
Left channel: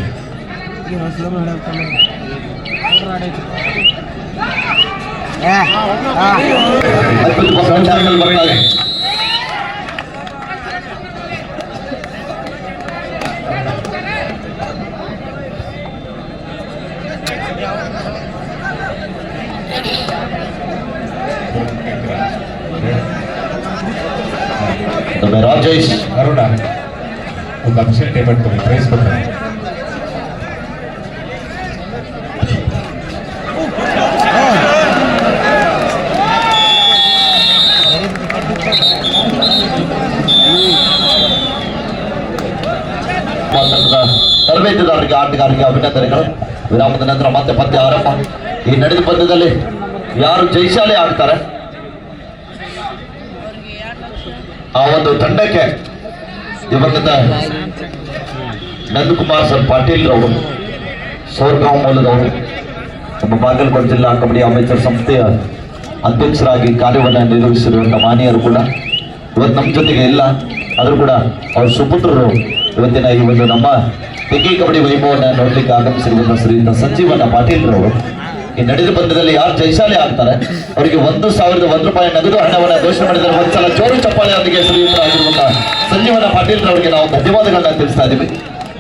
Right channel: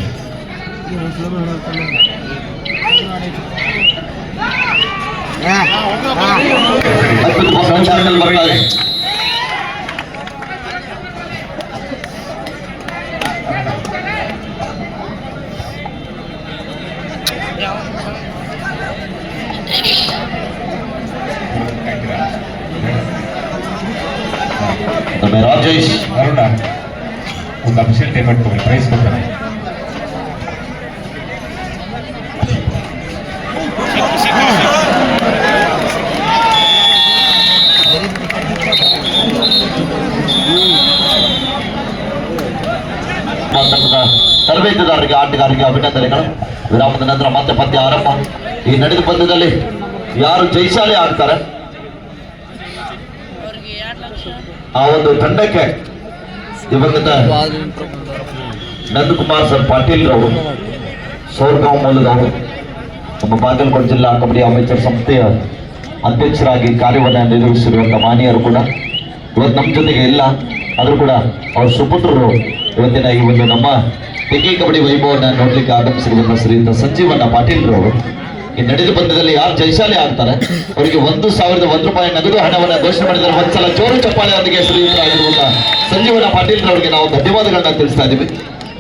ಅದ್ಭುತ ಚಾನಲ್ ಬರ್ತಾ ಇದೆ. ರಾಜೇಶ್ ಅರುಣ ಒಂದು ಅಫಿಷಿಯಲ್ ಟೇಬಲ್ ಕೊಡಿ, ಪ್ರೈಸ್ ಕೊಡ್ತಾರೆ. ತರಬೇತುದಾರರಿಗೆ, ಆಟಗಾರರಿಗೆ ಅಭಿನಂದನೆಗಳು. ವಿರಾಮದ ನಂತರ ಮತ್ತೆ ಪಂದ್ಯ ಆರಂಭ. ಈ ನಡೆದ ಪಂದ್ಯದಲ್ಲಿ ಯಾರು ಜಯಶಾಲಿ ಆಗ್ತಾರೆ ಆ ಒಂದು ತಂಡಕ್ಕೆ ದಿವಂಗತ ನಂದಕುಮಾರ್ ಸರ್ ಪಾಟೀಲ್ ಅವರು, ಸೋರ್ಗಾಂವ್ ಮೂಲದವರು, ನಮ್ಮ ಬಾಗಲಕೋಟೆ ಜಿಲ್ಲಾ ಕಬಡ್ಡಿ ಅಮೇಚರ್ ಸಂಸ್ಥೆಯ ಅಧ್ಯಕ್ಷರಾಗಿ ಕಾರ್ಯವನ್ನು ನಿರ್ವಹಿಸಿರುವಂಥ ಮಾನ್ಯರು ಕೂಡ ಇವತ್ತು ನಮ್ಮ ಜೊತೆಗೆ ಇಲ್ಲ. ಆದರೂ ಕೂಡ ಅವ್ರ ಸುಪುತ್ರರು ಇವತ್ತಿನ ಈ ಒಂದು ನಮ್ಮ ತೆಗಿ ಕಬಡ್ಡಿ ವೈಭವವನ್ನು ನೋಡ್ಲಿಕ್ಕೆ ಆಗಮಿಸಿರುವಂಥ ಶ್ರೀಯುತ ಸಂಜೀವಣ್ಣ ಪಾಟೀಲ್ ಅವರು ಈ ನಡೆದ ಪಂದ್ಯದಲ್ಲಿ ಯಾರು ಜಯಶಾಲಿ ಆಗ್ತಾರೆ ಅವರಿಗೆ 1,001 ರೂಪಾಯಿ ನಗದು ಹಣವನ್ನು ಘೋಷಣೆ ಮಾಡಿದರೆ ಒಂದ್ಸಲ ಜೋರು ಚಪ್ಪಾಳೆಯೊಂದಿಗೆ ಶ್ರೀಯುತರಾಗಿರುವಂಥ ಸಂಜೀವಣ್ಣ ಪಾಟೀಲ್ ಅವರಿಗೆ ನಾವು ಧನ್ಯವಾದಗಳನ್ನ ತಿಳಿಸ್ತಾ ಇದ್ದೀವಿ.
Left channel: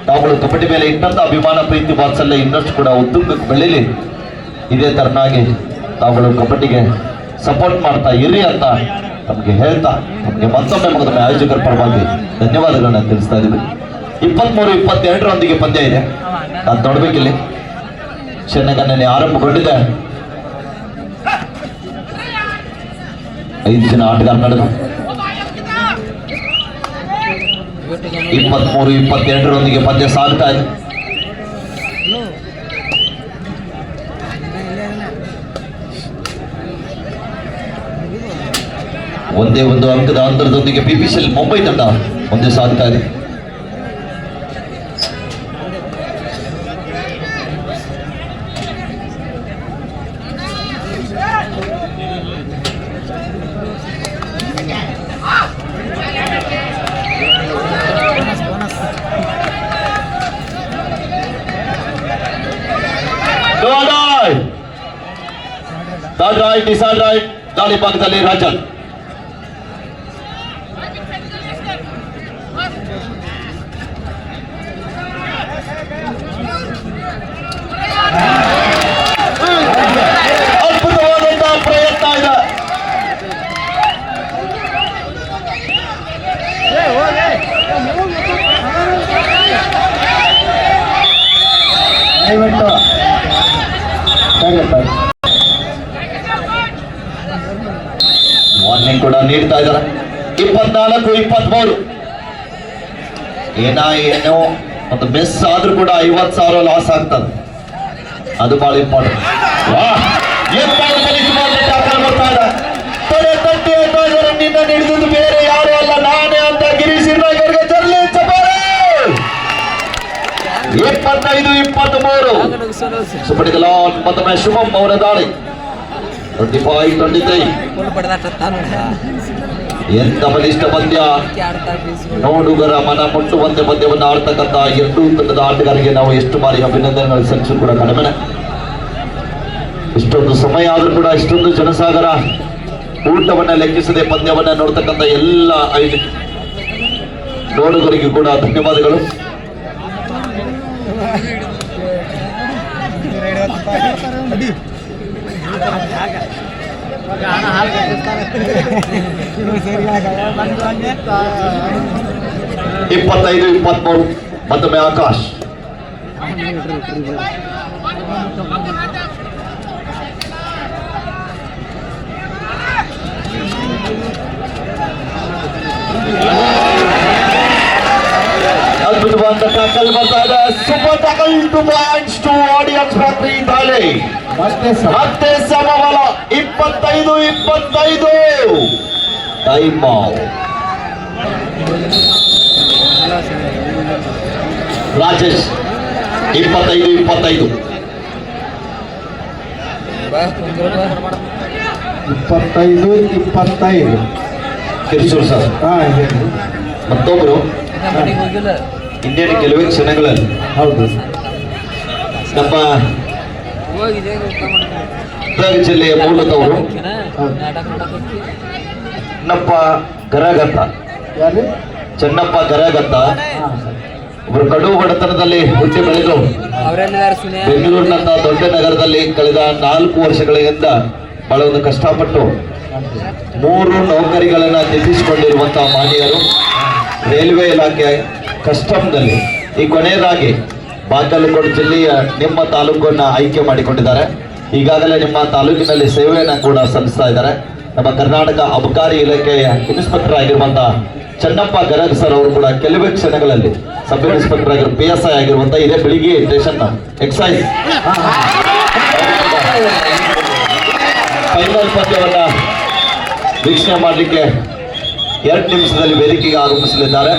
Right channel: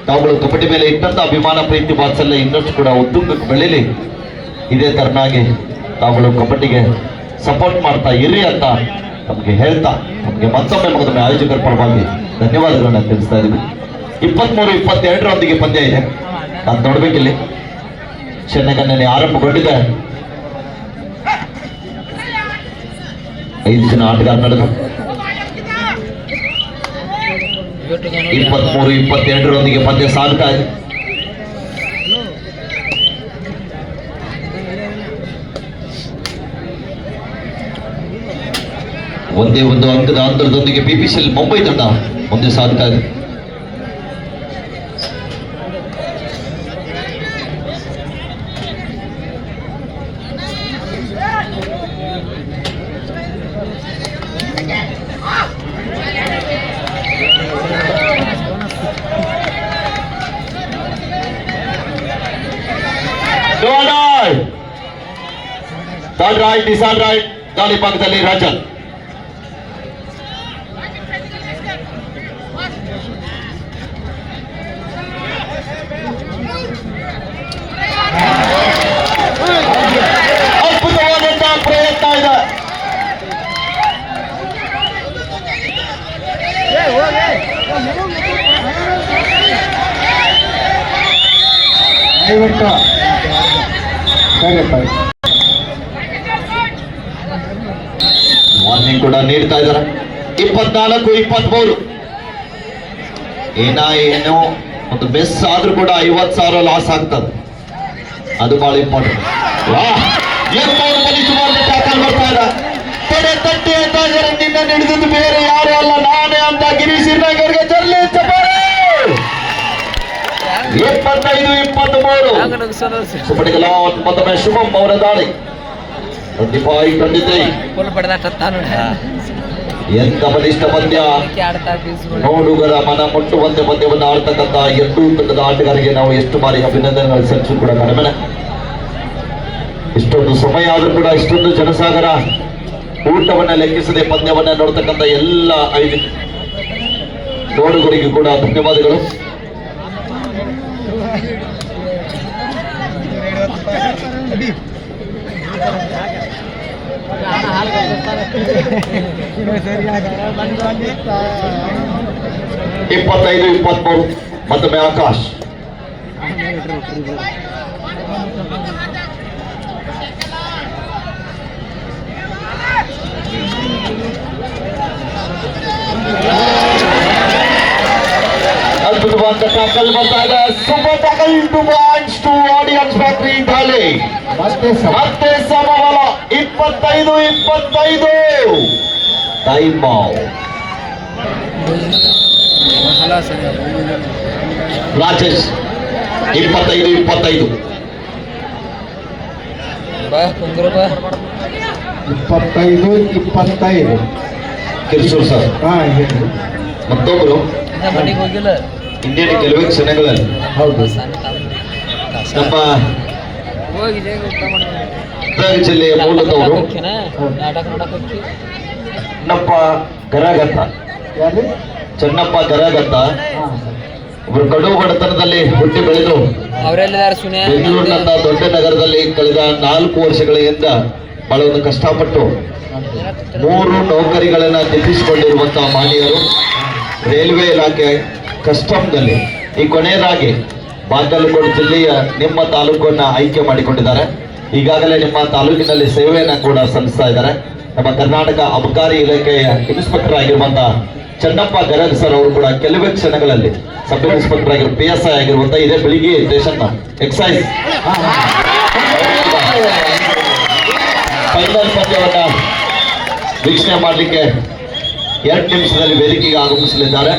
ತಾವುಗಳು ಕಬಡ್ಡಿ ಮೇಲೆ ಇಟ್ಟಂತ ಅಭಿಮಾನ ಪ್ರೀತಿ ವಾತ್ಸಲ್ಯ ಇನ್ನಷ್ಟು ಕೂಡ ಉದ್ದುಂಗಕ್ಕೆ ಬೆಳೀಲಿ. ಇದೇ ತರನಾಗಿ ತಾವುಗಳು ಕಬಡ್ಡಿಗೆ ಸಪೋರ್ಟ್ ಮಾಡ್ತಾ ಇರಿ ಅಂತ ನಮಗೆ ಹೇಳ್ತಾ ನಮಗೆ ಮತ್ತೊಮ್ಮೆ ಆಯೋಜಕರ ಪರವಾಗಿ ಧನ್ಯವಾದಗಳನ್ನ ತಿಳಿಸ್ತಾ ಇದ್ದೀವಿ. 23-22 ಪಂದ್ಯ ಇದೆ. ನಾನು ನೋಡ್ಬೇಕಿಲ್ಲಿ ಚೆನ್ನಾಗಿ ಆರಂಭಗೊಂಡಿದೆ. 5 ಜನ ಆಟಗಾರ ನಡೆದು 23-22 ಪಂದ್ಯ ಸಾಗ್ತಾ ಇದೆ. ಒಂದೇ ಒಂದು ಅಂಕದ ಅಂತರದೊಂದಿಗೆ ಪಿಪಿಸಿಎಲ್ ಮುಂಬೈ ತಂಡ ಮುಂದೆ ಸಾಗ್ತಾ ಇದೆ. ರೈಟ್ ಗಾಳಿ ಭಾಗದಲ್ಲಿ ರಾಜನ್ ಅದ್ಭುತವಾದಂತಹ ಪ್ರಯತ್ನ ಇದೆ. ದಯವಿಟ್ಟು ವಾರ್ನಿಂಗ್ ಕೂಡ ನೀಡ್ತಾ ಇದ್ದಾರೆ. 24-23 ಏನೋ ಒಂದು ಮಿಸ್ ಆದ್ರೂ ಕೂಡ 50,000 ಲಾಸ್ ಆಗ್ತದೆ. ಅದು ಬಹಳ ಇಂಪಾರ್ಟೆಂಟ್. ನಿನ್ನ ಹಿಡಿದಿದ್ದು ಬೇರೆ ಯಾರು ಅಲ್ಲ ನಾನೇ ಅಂತ ಗಿರೀಶ್ ಹಿರ್ನಾಗರ್ಗೆ ತರಲಿ ಚಪಾರೆ. 25-23 ಸುಪಡಿಗಲ ಮತ್ತೊಮ್ಮೆ ಶುಭಂ ಅವರ ದಾಳಿ 25-23. ಎಂತ ಬಲಿಷ್ಠ ಪಂದ್ಯ, ನೋಡುಗರ ಮನ ಮುಟ್ಟುವಂತೆ ಪಂದ್ಯವನ್ನು ಆಡ್ತಕ್ಕಂಥ ಎರಡೂ ತಂಡದ ಆಟಗಾರರಿಗೆ ನಾವು ಎಷ್ಟು ಬಾರಿ ಅಭಿನಂದನೆಗಳು ಸಲ್ಲಿಸು ಕೂಡ ಕಡಿಮೆ. ಇಷ್ಟೊಂದು ಸಮಯ ಆದ್ರೂ ಕೂಡ ಇಷ್ಟೊಂದು ಜನಸಾಗರ ಊಟವನ್ನ ಲೆಕ್ಕಿಸದೆ ಪಂದ್ಯವನ್ನ ನೋಡ್ತಕ್ಕಂಥ ಎಲ್ಲ ನೋಡುಗರಿಗೂ ಕೂಡ ಧನ್ಯವಾದಗಳು. ಇಪ್ಪತ್ತೈದು 23 ಮತ್ತೊಮ್ಮೆ ಆಕಾಶ್. ಅದ್ಭುತವಾದ ಟ್ಯಾಕಲ್ ಬರ್ತಾ ಇದೆ. Super tackle two points to audience factory ದಾಳಿ. ಮತ್ತೆ ಸಮಬಲ 25-25 time out. Rajesh 25-25 Kirsur sir. ಮತ್ತೊಬ್ರು ಇಂಡಿಯನ್ ಕೆಲವೇ ಕ್ಷಣಗಳಲ್ಲಿ ಹೌದು ನಮ್ಮ ಗದಗ ಜಿಲ್ಲೆಯ ಮೂಲದವರು ಚೆನ್ನಪ್ಪ ಗರಗತ್ತ ಯಾರು ಚೆನ್ನಪ್ಪ ಗರಗತ್ತ ಒಬ್ಬರು ಕಡು ಬಡತನದಲ್ಲಿ ಹುಟ್ಟಿ ಬೆಳೆದು ಬೆಂಗಳೂರಿನಂತ ದೊಡ್ಡ ನಗರದಲ್ಲಿ ಕಳೆದ 4 ವರ್ಷಗಳಿಂದ ಬಹಳ ಒಂದು ಕಷ್ಟಪಟ್ಟು 3 ನೌಕರಿಗಳನ್ನ ತೆಗೆಸಿಕೊಂಡಿರುವಂತಹ ಮಾನ್ಯರು ರೈಲ್ವೆ ಇಲಾಖೆ ಕಸ್ಟಮ್ದಲ್ಲಿ ಈ ಕೊನೆಯದಾಗಿ ಬಾಗಲಕೋಟೆ ಜಿಲ್ಲೆಯ ನಿಮ್ಮ ತಾಲೂಕನ್ನ ಆಯ್ಕೆ ಮಾಡಿಕೊಂಡಿದ್ದಾರೆ. ಈಗಾಗಲೇ ನಿಮ್ಮ ತಾಲೂಕಿನಲ್ಲಿ ಸೇವೆಯನ್ನ ಕೂಡ ಸಲ್ಲಿಸ್ತಾ ಇದ್ದಾರೆ. ನಮ್ಮ ಕರ್ನಾಟಕ ಅಬಕಾರಿ ಇಲಾಖೆಯ ಇನ್ಸ್ಪೆಕ್ಟರ್ ಆಗಿರುವಂತಹ ಚೆನ್ನಪ್ಪ ಗರಗ್ ಸರ್ ಅವರು ಕೂಡ ಕೆಲವೇ ಕ್ಷಣಗಳಲ್ಲಿ ಸಬ್ ಇನ್ಸ್ಪೆಕ್ಟರ್ ಆಗಿರೋ PSI ಆಗಿರುವಂತ ಇದೇ ಬೆಳಿಗ್ಗೆ ಸ್ಟೇಷನ್ ಎಕ್ಸೈಸ್ ಫೈನಲ್ ಪಂದ್ಯವನ್ನ ವೀಕ್ಷಣೆ ಮಾಡಲಿಕ್ಕೆ 2 ನಿಮಿಷದಲ್ಲಿ ವೇದಿಕೆಗೆ ಆಗಮಿಸಲಿದ್ದಾರೆ.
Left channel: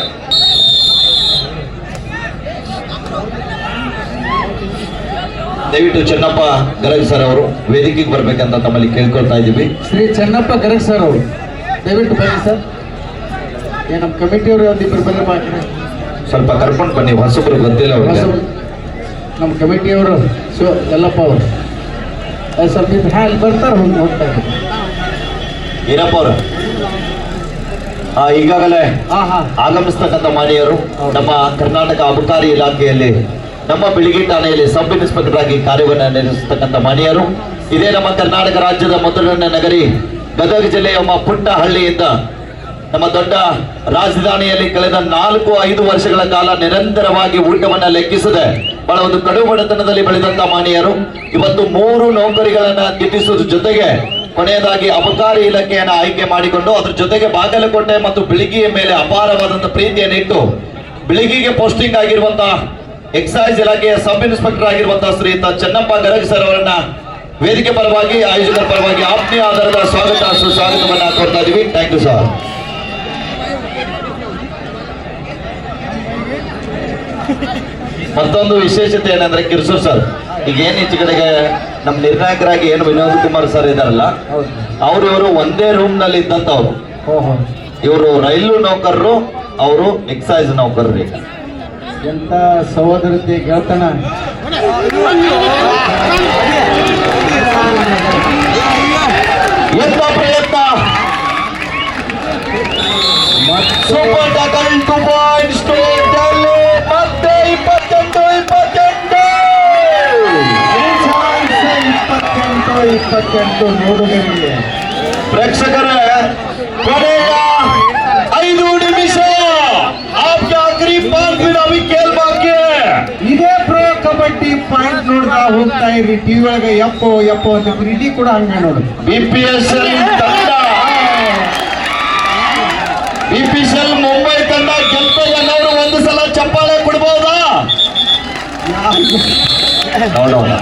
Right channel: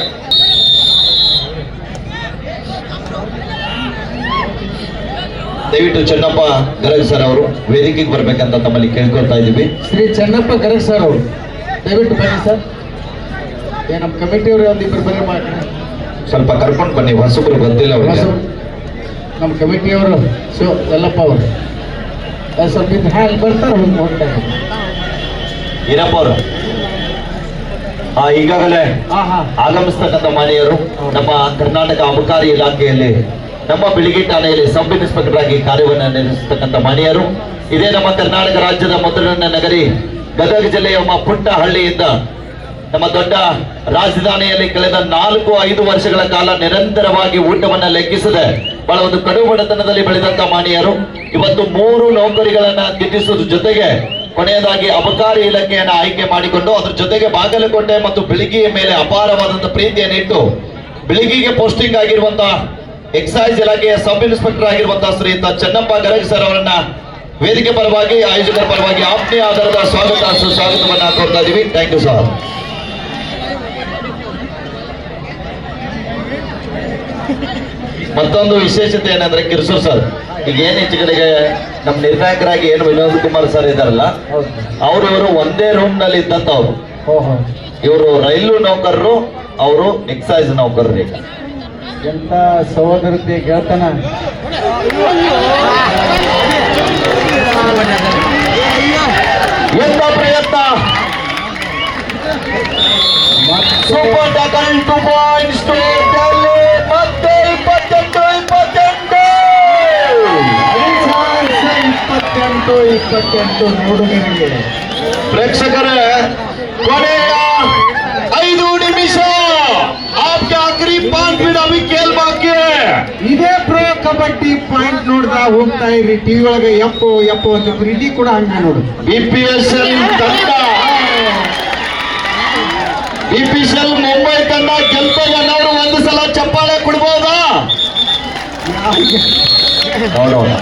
ದಯವಿಟ್ಟು ಚೆನ್ನಪ್ಪ ಗರಗ್ ಸರ್ ಅವರು ವೇದಿಕೆಗೆ ಬರ್ಬೇಕಂತ ತಮ್ಮಲ್ಲಿ ಕೇಳ್ಕೊಳ್ತಾ ಇದ್ದೀವಿ. ಶ್ರೀ ಚೆನ್ನಪ್ಪ ಗರಗ್ ಸರ್ ಅವರು ದಯವಿಟ್ಟು ಬನ್ನಿ ಸರ್. ನಮ್ಮ ಕಮಿಟಿಯವರು ಒಂದಿಬ್ಬರು ಬರೋ ಮಾಡಿ ಸ್ವಲ್ಪ ಕರ್ಕೊಂಡು ಬನ್ನಿ, ಹೊಸಬ್ರು ಗೊತ್ತಿಲ್ಲ ಅವ್ರಿಗೆ. ನಮ್ಮ ಕಮಿಟಿಯವರು ಯಲ್ಲಪ್ಪ ಅವರು ಸ್ವಲ್ಪ ಹಾಗೆ ಬರ್ತಾರೆ ಹೋಗ್ತಾ ಇದ್ದಾರೆ. ಏನಪ್ಪ ಅವರು ಈಗಾಗಲೇ ಹಾ ಹಾ ಆಗಮಿಸ್ತಕ್ಕಂಥ ಮಾನ್ಯರು ನಮ್ಮ ಕರ್ನಾಟಕ ಅಬಕಾರಿ ಇಲಾಖೆಯಲ್ಲಿ ನಮ್ಮ ಬಿಳಿಗಿ ಠಾಣೆಯಲ್ಲಿ ಸಬ್ ಇನ್ಸ್ಪೆಕ್ಟರ್ ಆಗಿ ಕಾರ್ಯವನ್ನು ನಿರ್ವಹಿಸತಕ್ಕಂಥ ಮಾನ್ಯರು. ಇದೇ ನಮ್ಮ ಕರ್ನಾಟಕ ರಾಜ್ಯದ ಮೊದಲನೇ ನಗರಿ ಗದಗ ಜಿಲ್ಲೆಯ ಪುಟ್ಟ ಹಳ್ಳಿಯಿಂದ ನಮ್ಮ ದೊಡ್ಡ ರಾಜಧಾನಿಯಲ್ಲಿ ಕಳೆದ 4-5 ವರ್ಷಗಳ ಕಾಲ ನಿರಂತರವಾಗಿ ಊಟವನ್ನ ಲೆಕ್ಕಿಸದೆ ಬಹಳ ಒಂದು ಕಡು ಬಡತನದಲ್ಲಿ ಬೆಳೆದಂತ ಮಾನ್ಯರು ಇವತ್ತು 3 ನೌಕರಿಗಳನ್ನ ಗಿಟ್ಟಿಸುವುದ್ರ ಜೊತೆಗೆ ಕೊನೆಯದಾಗಿ ಅಬಕಾರಿ ಇಲಾಖೆಯನ್ನು ಆಯ್ಕೆ ಮಾಡಿಕೊಂಡು ಅದ್ರ ಜೊತೆಗೆ ಬಾಗಲಕೋಟೆ ಮತ್ತು ಬಿಳಿಗಿಯ ಮೇಲೆ ಅಪಾರವಾದಂತಹ ಪ್ರೀತಿಯನ್ನು ಇಟ್ಟು ಬಿಳಿಗಿಗೆ ಪೋಸ್ಟಿಂಗ್ ಆಗಿರುವಂತಹ ಎಕ್ಸೈಸ್ ಇಲಾಖೆಯ ಸಬ್ ಇನ್ಸ್ಪೆಕ್ಟರ್ ಆಗಿರುವಂತಹ ಶ್ರೀಯುತ ಚೆನ್ನಪ್ಪ ಗರಗ್ ಸರ್ ಅವರನ್ನ ವೇದಿಕೆ ಪರವಾಗಿ ಆಯೋಜಕರ ಪರವಾಗಿ ಆತ್ಮೀಯ ಆಧಾರದ ಸ್ವಾಗತ ಸುಸ್ವಾಗತವನ್ನ ಕೋರ್ತಾ ಇದೀವಿ. Thank you sir. ಮತ್ತೊಂದು ವಿಶೇಷತೆ ಏನಂದ್ರೆ ಕಿರ್ಸೂರ್ ಸರ್ ಈಗ ಏನ್ ಈಚೆ ಕಡೆಗೆ ನಮ್ಮ ನಿರ್ಣಾಯಕರಾಗಿ ಏನು ವಿನೋದ್ ಕುಮಾರ್ ಸರ್ ಇದಾರಲ್ಲ ಅವರು ಇವರು ಒಂದೇ ರೂಮ್ ನಲ್ಲಿ ಇದ್ದಂತವ್ರು. ಓಹೋ, ಇವರು ರೈಲು ನೌಕರರು, ಅವರು ಎಕ್ಸೈಸ್ ನೌಕರರು. ಈಗ ಎಂತ ಸಹೋದರತೆ ಗೆಳತನ. ಎಂತ ಪ್ರಯತ್ನ, super tackle 2 points to Delhi. ಮತ್ತೆ 28 ನೋಡುಗರಿಗೆ ಪ್ರೇಕ್ಷಕರೇ, ಕೊನೆಯ 5 ನಿಮಿಷ आपके आखिरी 5 दिन अभी खेल बाकी है. ಇದೇ ಪ್ರೇ ಕಬಡ್ಡಿ ಪಾಯಿಂಟ್ ನೋಡ್ತಾ ಹೋಗ್ತಾ ಇರಿ ಟಿವಿ ಒಳಗೆ ಯಪ್ಪೋ ಅಂತ ಇಲ್ಲಿ ಕೂಡ ಹಂಗೆ ನೋಡು. BPSL ತಂಡ, BPSL ಮುಂಬೈ ತಂಡ ಗೆಲ್ತವನ್ನವರು ಒಂದು ಸಲ ಚಪ್ಪಾಳೆ ಕೊಡ್ಬೋದಾ? ನೋಡೋಣ.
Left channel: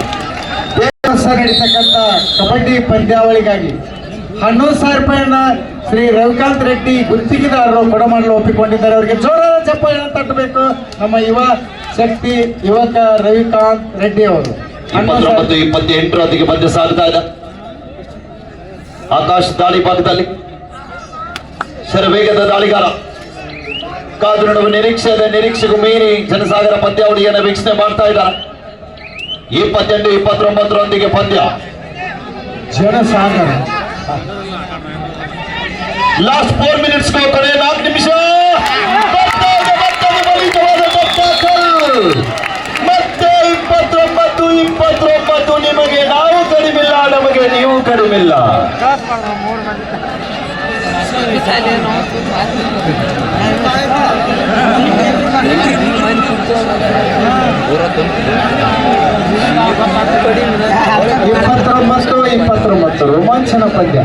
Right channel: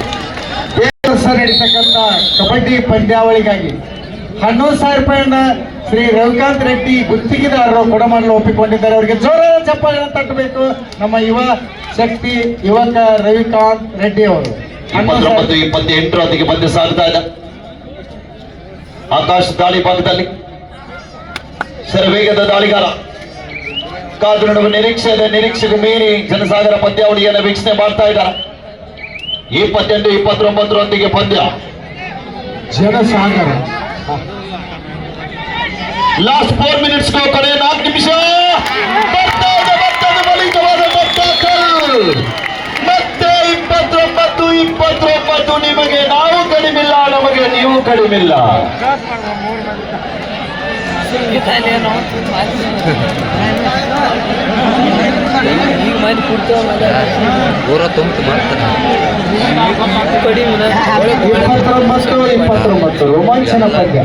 ಸರ್ ನಡೀತಕ್ಕಂಥ ಕಬಡ್ಡಿ ಪಂದ್ಯಾವಳಿಗಾಗಿ 11,000 ರೂಪಾಯಿಯನ್ನ ಶ್ರೀ ರವಿಕಾಂತ್ ರೆಡ್ಡಿ ಗುತ್ತಿಗೆದಾರರು ಕೊಡಮಾಡಲು ಒಪ್ಪಿಕೊಂಡಿದ್ದಾರೆ. ಅವರಿಗೆ ಜೋರಾದ ಚಪ್ಪಾಳೆಯನ್ನು ತಟ್ಟಬೇಕು ನಮ್ಮ ಯುವ ಶಕ್ತಿ ಯುವಕ ರವಿಕಾಂತ್ ರೆಡ್ಡಿ ಅವರು. 29-28 ಹೊತ್ತಿಗೆ ಬಂದು ಸಾಗ್ತಾ ಇದೆ. ಆಕಾಶ್ ದಾಳಿ ಭಾಗದಲ್ಲಿ ಶರವೇಗದ ದಾಳಿಗಾರ ಕಾದು ನೋಡುವ ನಿರೀಕ್ಷೆಗೂ ಮೀರಿ ಜನಸಾಗರ ಪಂದ್ಯಾವಳಿಯನ್ನು ವೀಕ್ಷಣೆ ಮಾಡ್ತಾ ಇದ್ದಾರೆ. 28-29 ಪಂದ್ಯ. ಜನಸಾಗರ ಲಾಸ್ಟ್ 4 ಮಿನಿಟ್ಸ್ ಕಡೆ 4 ನಿಮಿಷ. ಮತ್ತೆ 29 ನಿಮಗೆ ನಾವು ಕಡಿಮಿಲ್ಲ, ನಮಗೆ ನೀವು ಕಡಿಮಿಲ್ಲ. ಇಪ್ಪತ್ತೊಂಬತ್ತು ರೋಮಾಂಚನ ಪಂದ್ಯ.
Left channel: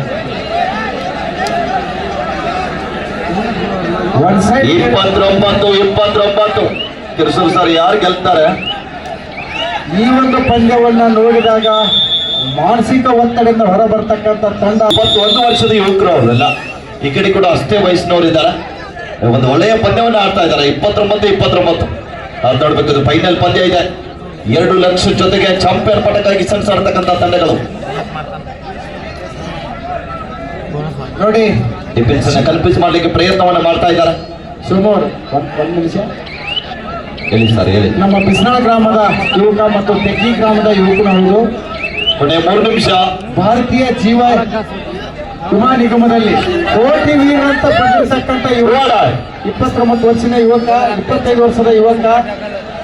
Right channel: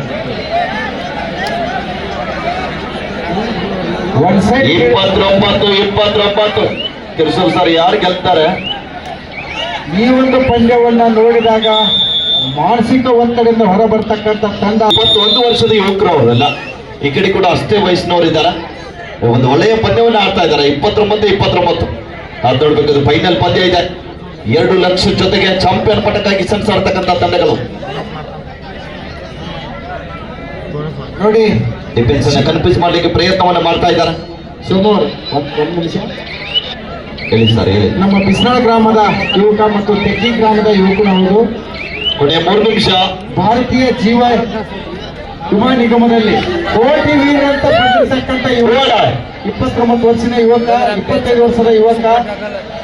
ಒನ್ ಸೈಡ್ 29 ಕಿರ್ಸೂರ್ ಸರ್ ಯಾರು ಗೆಲ್ತಾರೆ? ಈ ಒಂದು ಪಂದ್ಯವನ್ನ ನೋಡಿದಾಗ ಮಾನಸಿಕ ಒತ್ತಡದಿಂದ ಹೊರಬರ್ತಕ್ಕಂಥ ತಂಡ. 21 ವರ್ಷದ ಯುವಕರು ಅವರೆಲ್ಲ ಈ ಕಡೆ ಕೂಡ ಅಷ್ಟೇ ವಯಸ್ಸಿನವರು ಇದ್ದಾರೆ. ಒಂದು ಒಳ್ಳೆಯ ಪಂದ್ಯವನ್ನು ಆಡ್ತಾ ಇದ್ದಾರೆ. 29 ಅದು ನೋಡ್ಬೇಕು. ಫೈನಲ್ ಪಂದ್ಯ ಇದೆ. 2 ಲಕ್ಷ ಜೊತೆಗೆ ಚಾಂಪಿಯನ್ ಪಟಕ್ಕಾಗಿ ಸೆಣಸಾಡ್ತಕ್ಕಂಥ ತಂಡಗಳು. ನೋಡಿ ಡಿಫೆನ್ಸ್ ಅನ್ನ ಕನ್ಫ್ಯೂಸ್ ಮಾಡ್ಲಿಕ್ಕೆ ಪ್ರಯತ್ನವನ್ನು ಮಾಡ್ತಾ ಇದ್ದಾರೆ. ಸುಮಾರು ಒಂದು ನಿಮಿಷ. ಹೇಳಿ ಸರ್, ಹೇಳಿ. ನಮ್ಮ ಬಿಸ್ನಾಳ್ ಗ್ರಾಮದ ಯುವಕ ಮತ್ತು ತೆಗ್ಗಿ ಗ್ರಾಮದ ಯುವಕನವರು ಕೊನೆ 3 ನಿಮಿಷ. ಭಾರತೀಯ ಜೀವ ವಿಮಾ ನಿಗಮದಲ್ಲಿ ಕೋಟಿ ವೀರ ಅಂತ ಬಂದಿರತಕ್ಕಂಥ ಯುವಕ, 29 ವರ್ಷದ ಯುವಕ, 25 ವರ್ಷದ ಯುವಕ,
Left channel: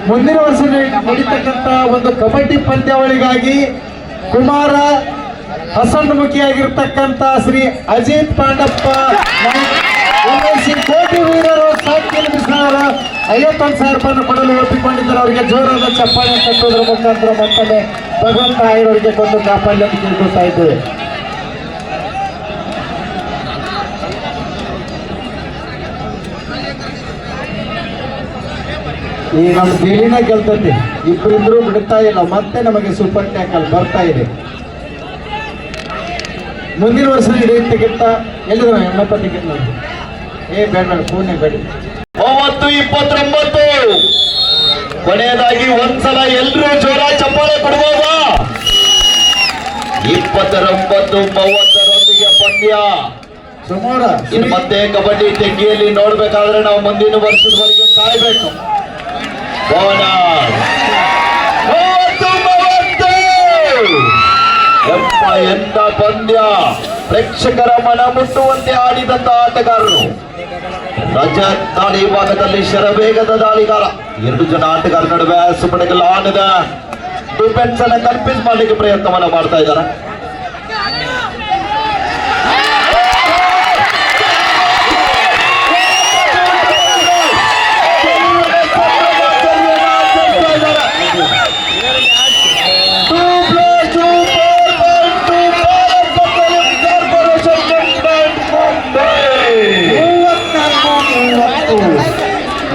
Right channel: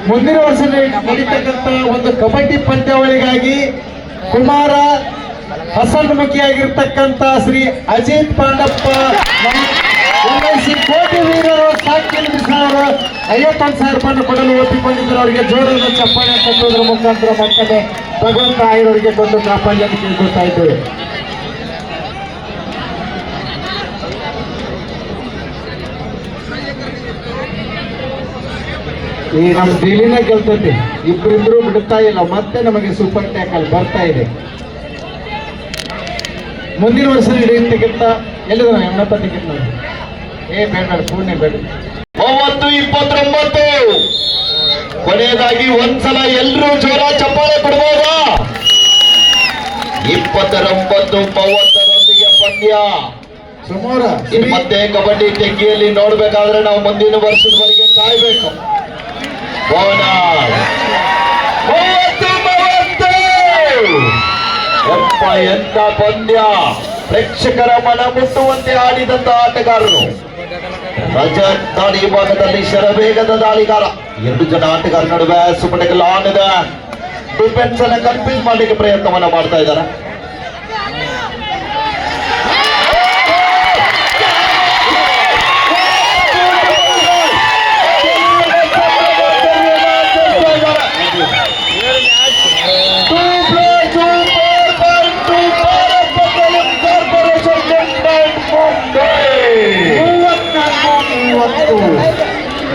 ಮುಂದಿನ ವರ್ಷ ನಡೀತಕ್ಕಂಥ ಒಂದು ಕಬಡ್ಡಿ ಪಂದ್ಯಾವಳಿಗಾಗಿ ಕುಮಾರ ಹಸನ್ಮುಖಿಯಾಗಿರ್ತಕ್ಕಂಥ ಶ್ರೀ ಅಜಿತ್ ಪಾಂಡಪ್ಪ LIC ಕೋಟಿ ವೀರರು ಸಾಕಿನ ಬಿಸಾರ 51,000 ರೂಪಾಯಿಯನ್ನು ಕೊಡಲು ಒಪ್ಪಿಕೊಂಡಿದ್ದರು. ಅವರಿಗೆ ಜೋರಾದ ಚಪ್ಪಾಳೆ ತಟ್ಟುವುದರ ಮುಖಾಂತರ ಮತ್ತೊಮ್ಮೆ ಭಗವಂತ ಆಯ್ದವರಿಗೆ ಕೊಂಡು ಕಾಪಾಡಿ ಅಂತ ಕೇಳ್ಕೊಳ್ತಾ ಇದ್ದೇವೆ. ಈ ನಮ್ಮ ದಿಲ್ಲಿನ ಗೆಲ್ತೈತಿ, ಇಬ್ಬರಿದ್ರು ಬಿಡ್ತಾ ಇಲ್ಲ. ಮತ್ತೆ ನಮಗೆ ಸೂಪರ್ ಟ್ಯಾಕಲ್ ಬರ್ತಾ ಇದೆ. ಮುಂದಿನ ವರ್ಷ ಟಿಕೆಟ್ ಎಲ್ಲಿದ್ರು ಎಣ್ಣಪ್ಪ ಟಿಕೆಟ್ ನೋಡಿ. ಬೇಡ ಪೂರ್ಣೆ ಬೇಡ. 30-29 ಕೊನೆಯದಾಗಿ ಒಂದ್ಸಲ ಎಲ್ಲರೂ ಜೋರ ಚಪ್ಪಾಳೆ ಕೊಡ್ಬೋದಾ? 29-30 ಪಂದ್ಯ. ಸುಮಾರು ಮತ್ತೆ ಕಬಡ್ಡಿ ತೆಗ್ಗಿಯಲ್ಲಿ ನೋಡ್ಬೇಕಾದ್ರೆ ನಾವು ಮುಂದಿನ ವರ್ಷದವರೆಗೆ ಕಾಯ್ಬೇಕು. ಎಂತ ಪಂದ್ಯ! ಪ್ರೇಕ್ಷಕರ ಮನ ಮುಟ್ಟುವಂತೆ ಆಡಿದಂತ ಆಟಗಾರರು. ರಜತ್ ದಾಳಿ ಭಾಗದಲ್ಲಿ ಶರವೇಗದ ದಾಳಿಗಾರ. ಎರಡು ಜನ ಆಟಗಾರ ನಡುವೆ ಸುಪಡೆಗೆ ಲಾನ್ ಇದೆ. ಡಿಫೆನ್ಸ್ ಅನ್ನ ಕನ್ಫ್ಯೂಸ್ ಮಾಡಲಿಕ್ಕೆ ಪ್ರಯತ್ನವನ್ನ ಮಾಡ್ತಾ ಇದ್ದಾರೆ.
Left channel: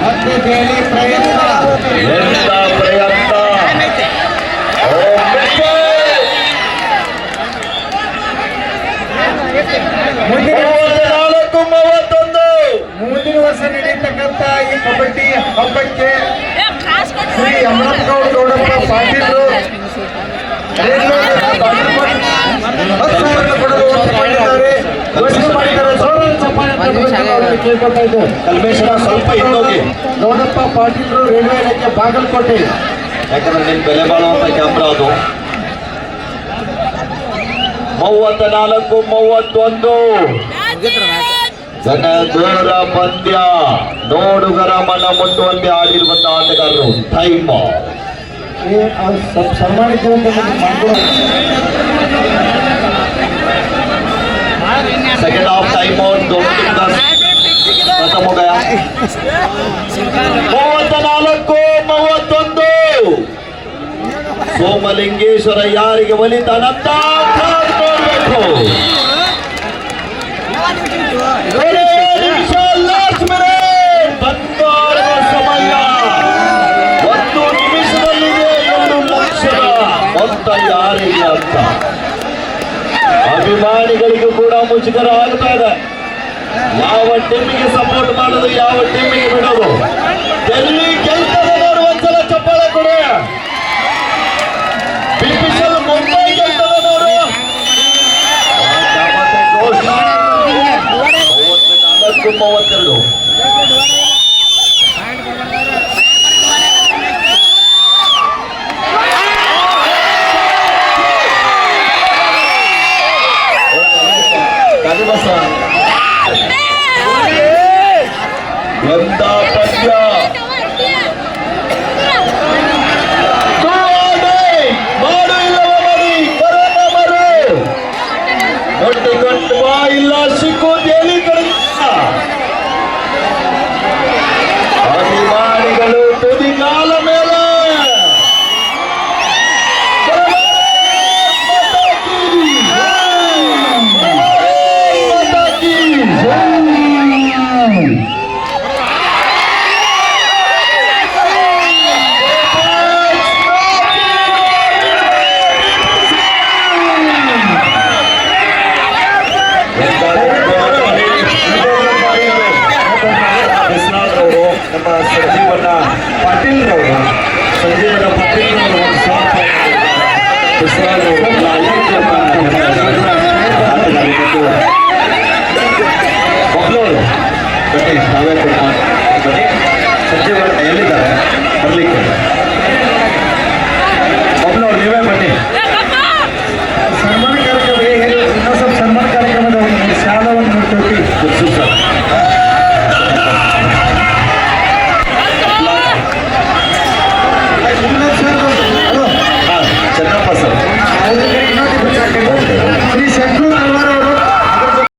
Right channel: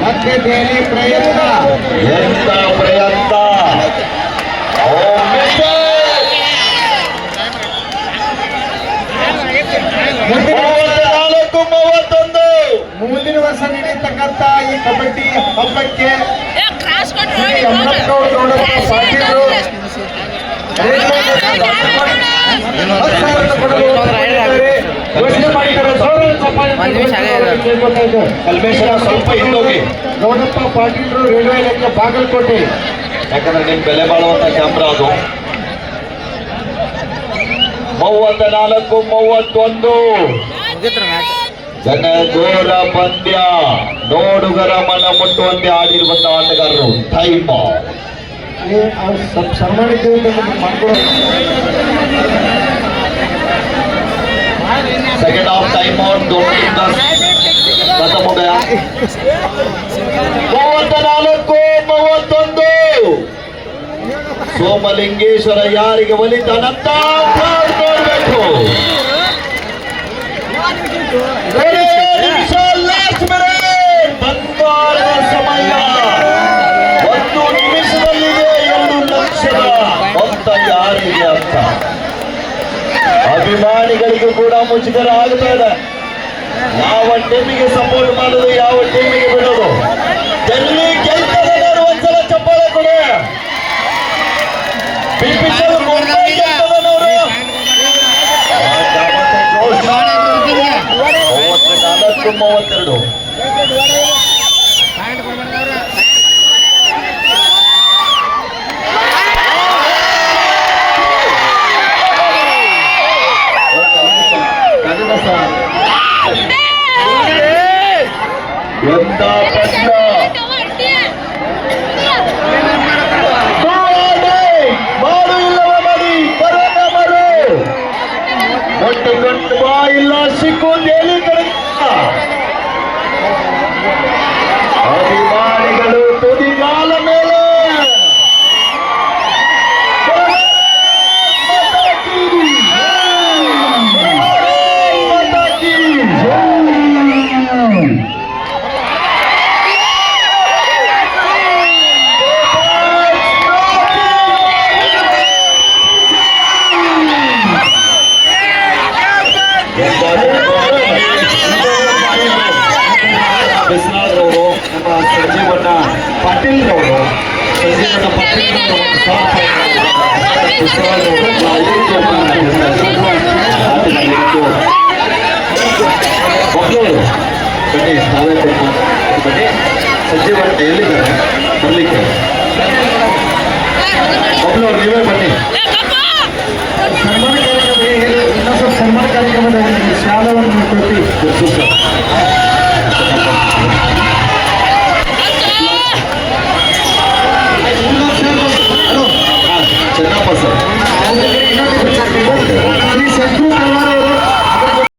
ಮತ್ತೆ ದೆಹಲಿ ಪ್ರಯತ್ನ ಎಂತ ಪ್ರಯತ್ನ. ಮುಂದಿನ ವರ್ಷ ನಡೆಯತಕ್ಕಂತ ಈ ಕಬಡ್ಡಿ ಹಬ್ಬಕ್ಕೆ ಶ್ರೀ ಅಮೃತಗೌಡ ಗೌಡಪ್ಪ ಪಾಟೀಲರು ಘೋಷಣೆ ಮಾಡಿದ್ದಾರೆ. ಕಲ್ಮೇಶ್ವರ ಸ್ವಲ್ಪ ಹಿಂದೋಗಿ, ಗೌಡಪ್ಪ ಪಾಟೀಲರು ರೈಲ್ವೆ ಇಲಾಖೆ ಬಾಗಲಕೋಟೆ. ಯಾಕಂದ್ರೆ ನಿಮ್ ಬೆಲೆ ಬಾಳುವಂತ ಕ್ಯಾಮ್ರಾ ಅದು. 34-31 ಜನಗೋರ ಪಂದ್ಯ. ನೋಡುಗರ ಮನ ಮುಟ್ಟುವಂತೆ ಆಡಿರುವಂತಹ ಆಟಗಾರರು. ಟೈಮ್ ಸನ್ಮಾನಿತ सेकंड हाफ टाइम आउट. दोनों टीम का खत्म हो गया. 34-31 ಸೋಮಲಿಂಗೇಶ್ವರ ಯಾರಿಗೆ ಒಲಿತಾನಂತ ನೋಡ್ಬೇಕು. ಬಂಗಾರದ ಸಮಯ. 1 ನಿಮಿಷದಲ್ಲಿದೆ 2 ಲಕ್ಷದ ಮೊತ್ತ ಯಾರಿಗೆ ಅಂತ ಅಭಿಮಾನಿಗಳಿಗೂ ಕೂಡ ಮುಜುಗರ ಆಗ್ತಾ ಇದೆ. ಯಾವ ಟೀಮಿಗೆ ಸಪೋರ್ಟ್ ಮಾಡೋದು, ಯಾವ ಟೀಮಿಗೆ ಬಿಡೋದು. ಡೆಲ್ಲಿ ಗೆಲ್ತದೆ. ಒಂದ್ಸಲ ಚಪ್ಪಾಳೆ ಕೊಡಿ. ಬಿಪಿಸಲ್ ಮುಂಬೈ ಗೆಲ್ತದೆ ನೋಡು. 34-32 ಎಂತ ಪಂದ್ಯ. ಮಾಡು ಇಲ್ಲವ ಮಾಡಿ ಬರೋಣ ಮರು ಒಟ್ಟುಕೊಂಡು ಬಾ ಇಲ್ಲ ಸಿಕ್ಕು ಹೇಳಿ ಅಭಿಮಾನಿಗಳು ತುದಿಗಾಲ ಮೇಲೆ ಸಂಜೀವನ ಪಾಟೀಲ್ ಅವರು ಸಂಜೀವನ ಪಾಟೀಲ್ ಅವರು ಒಂದು ಸಾಥ್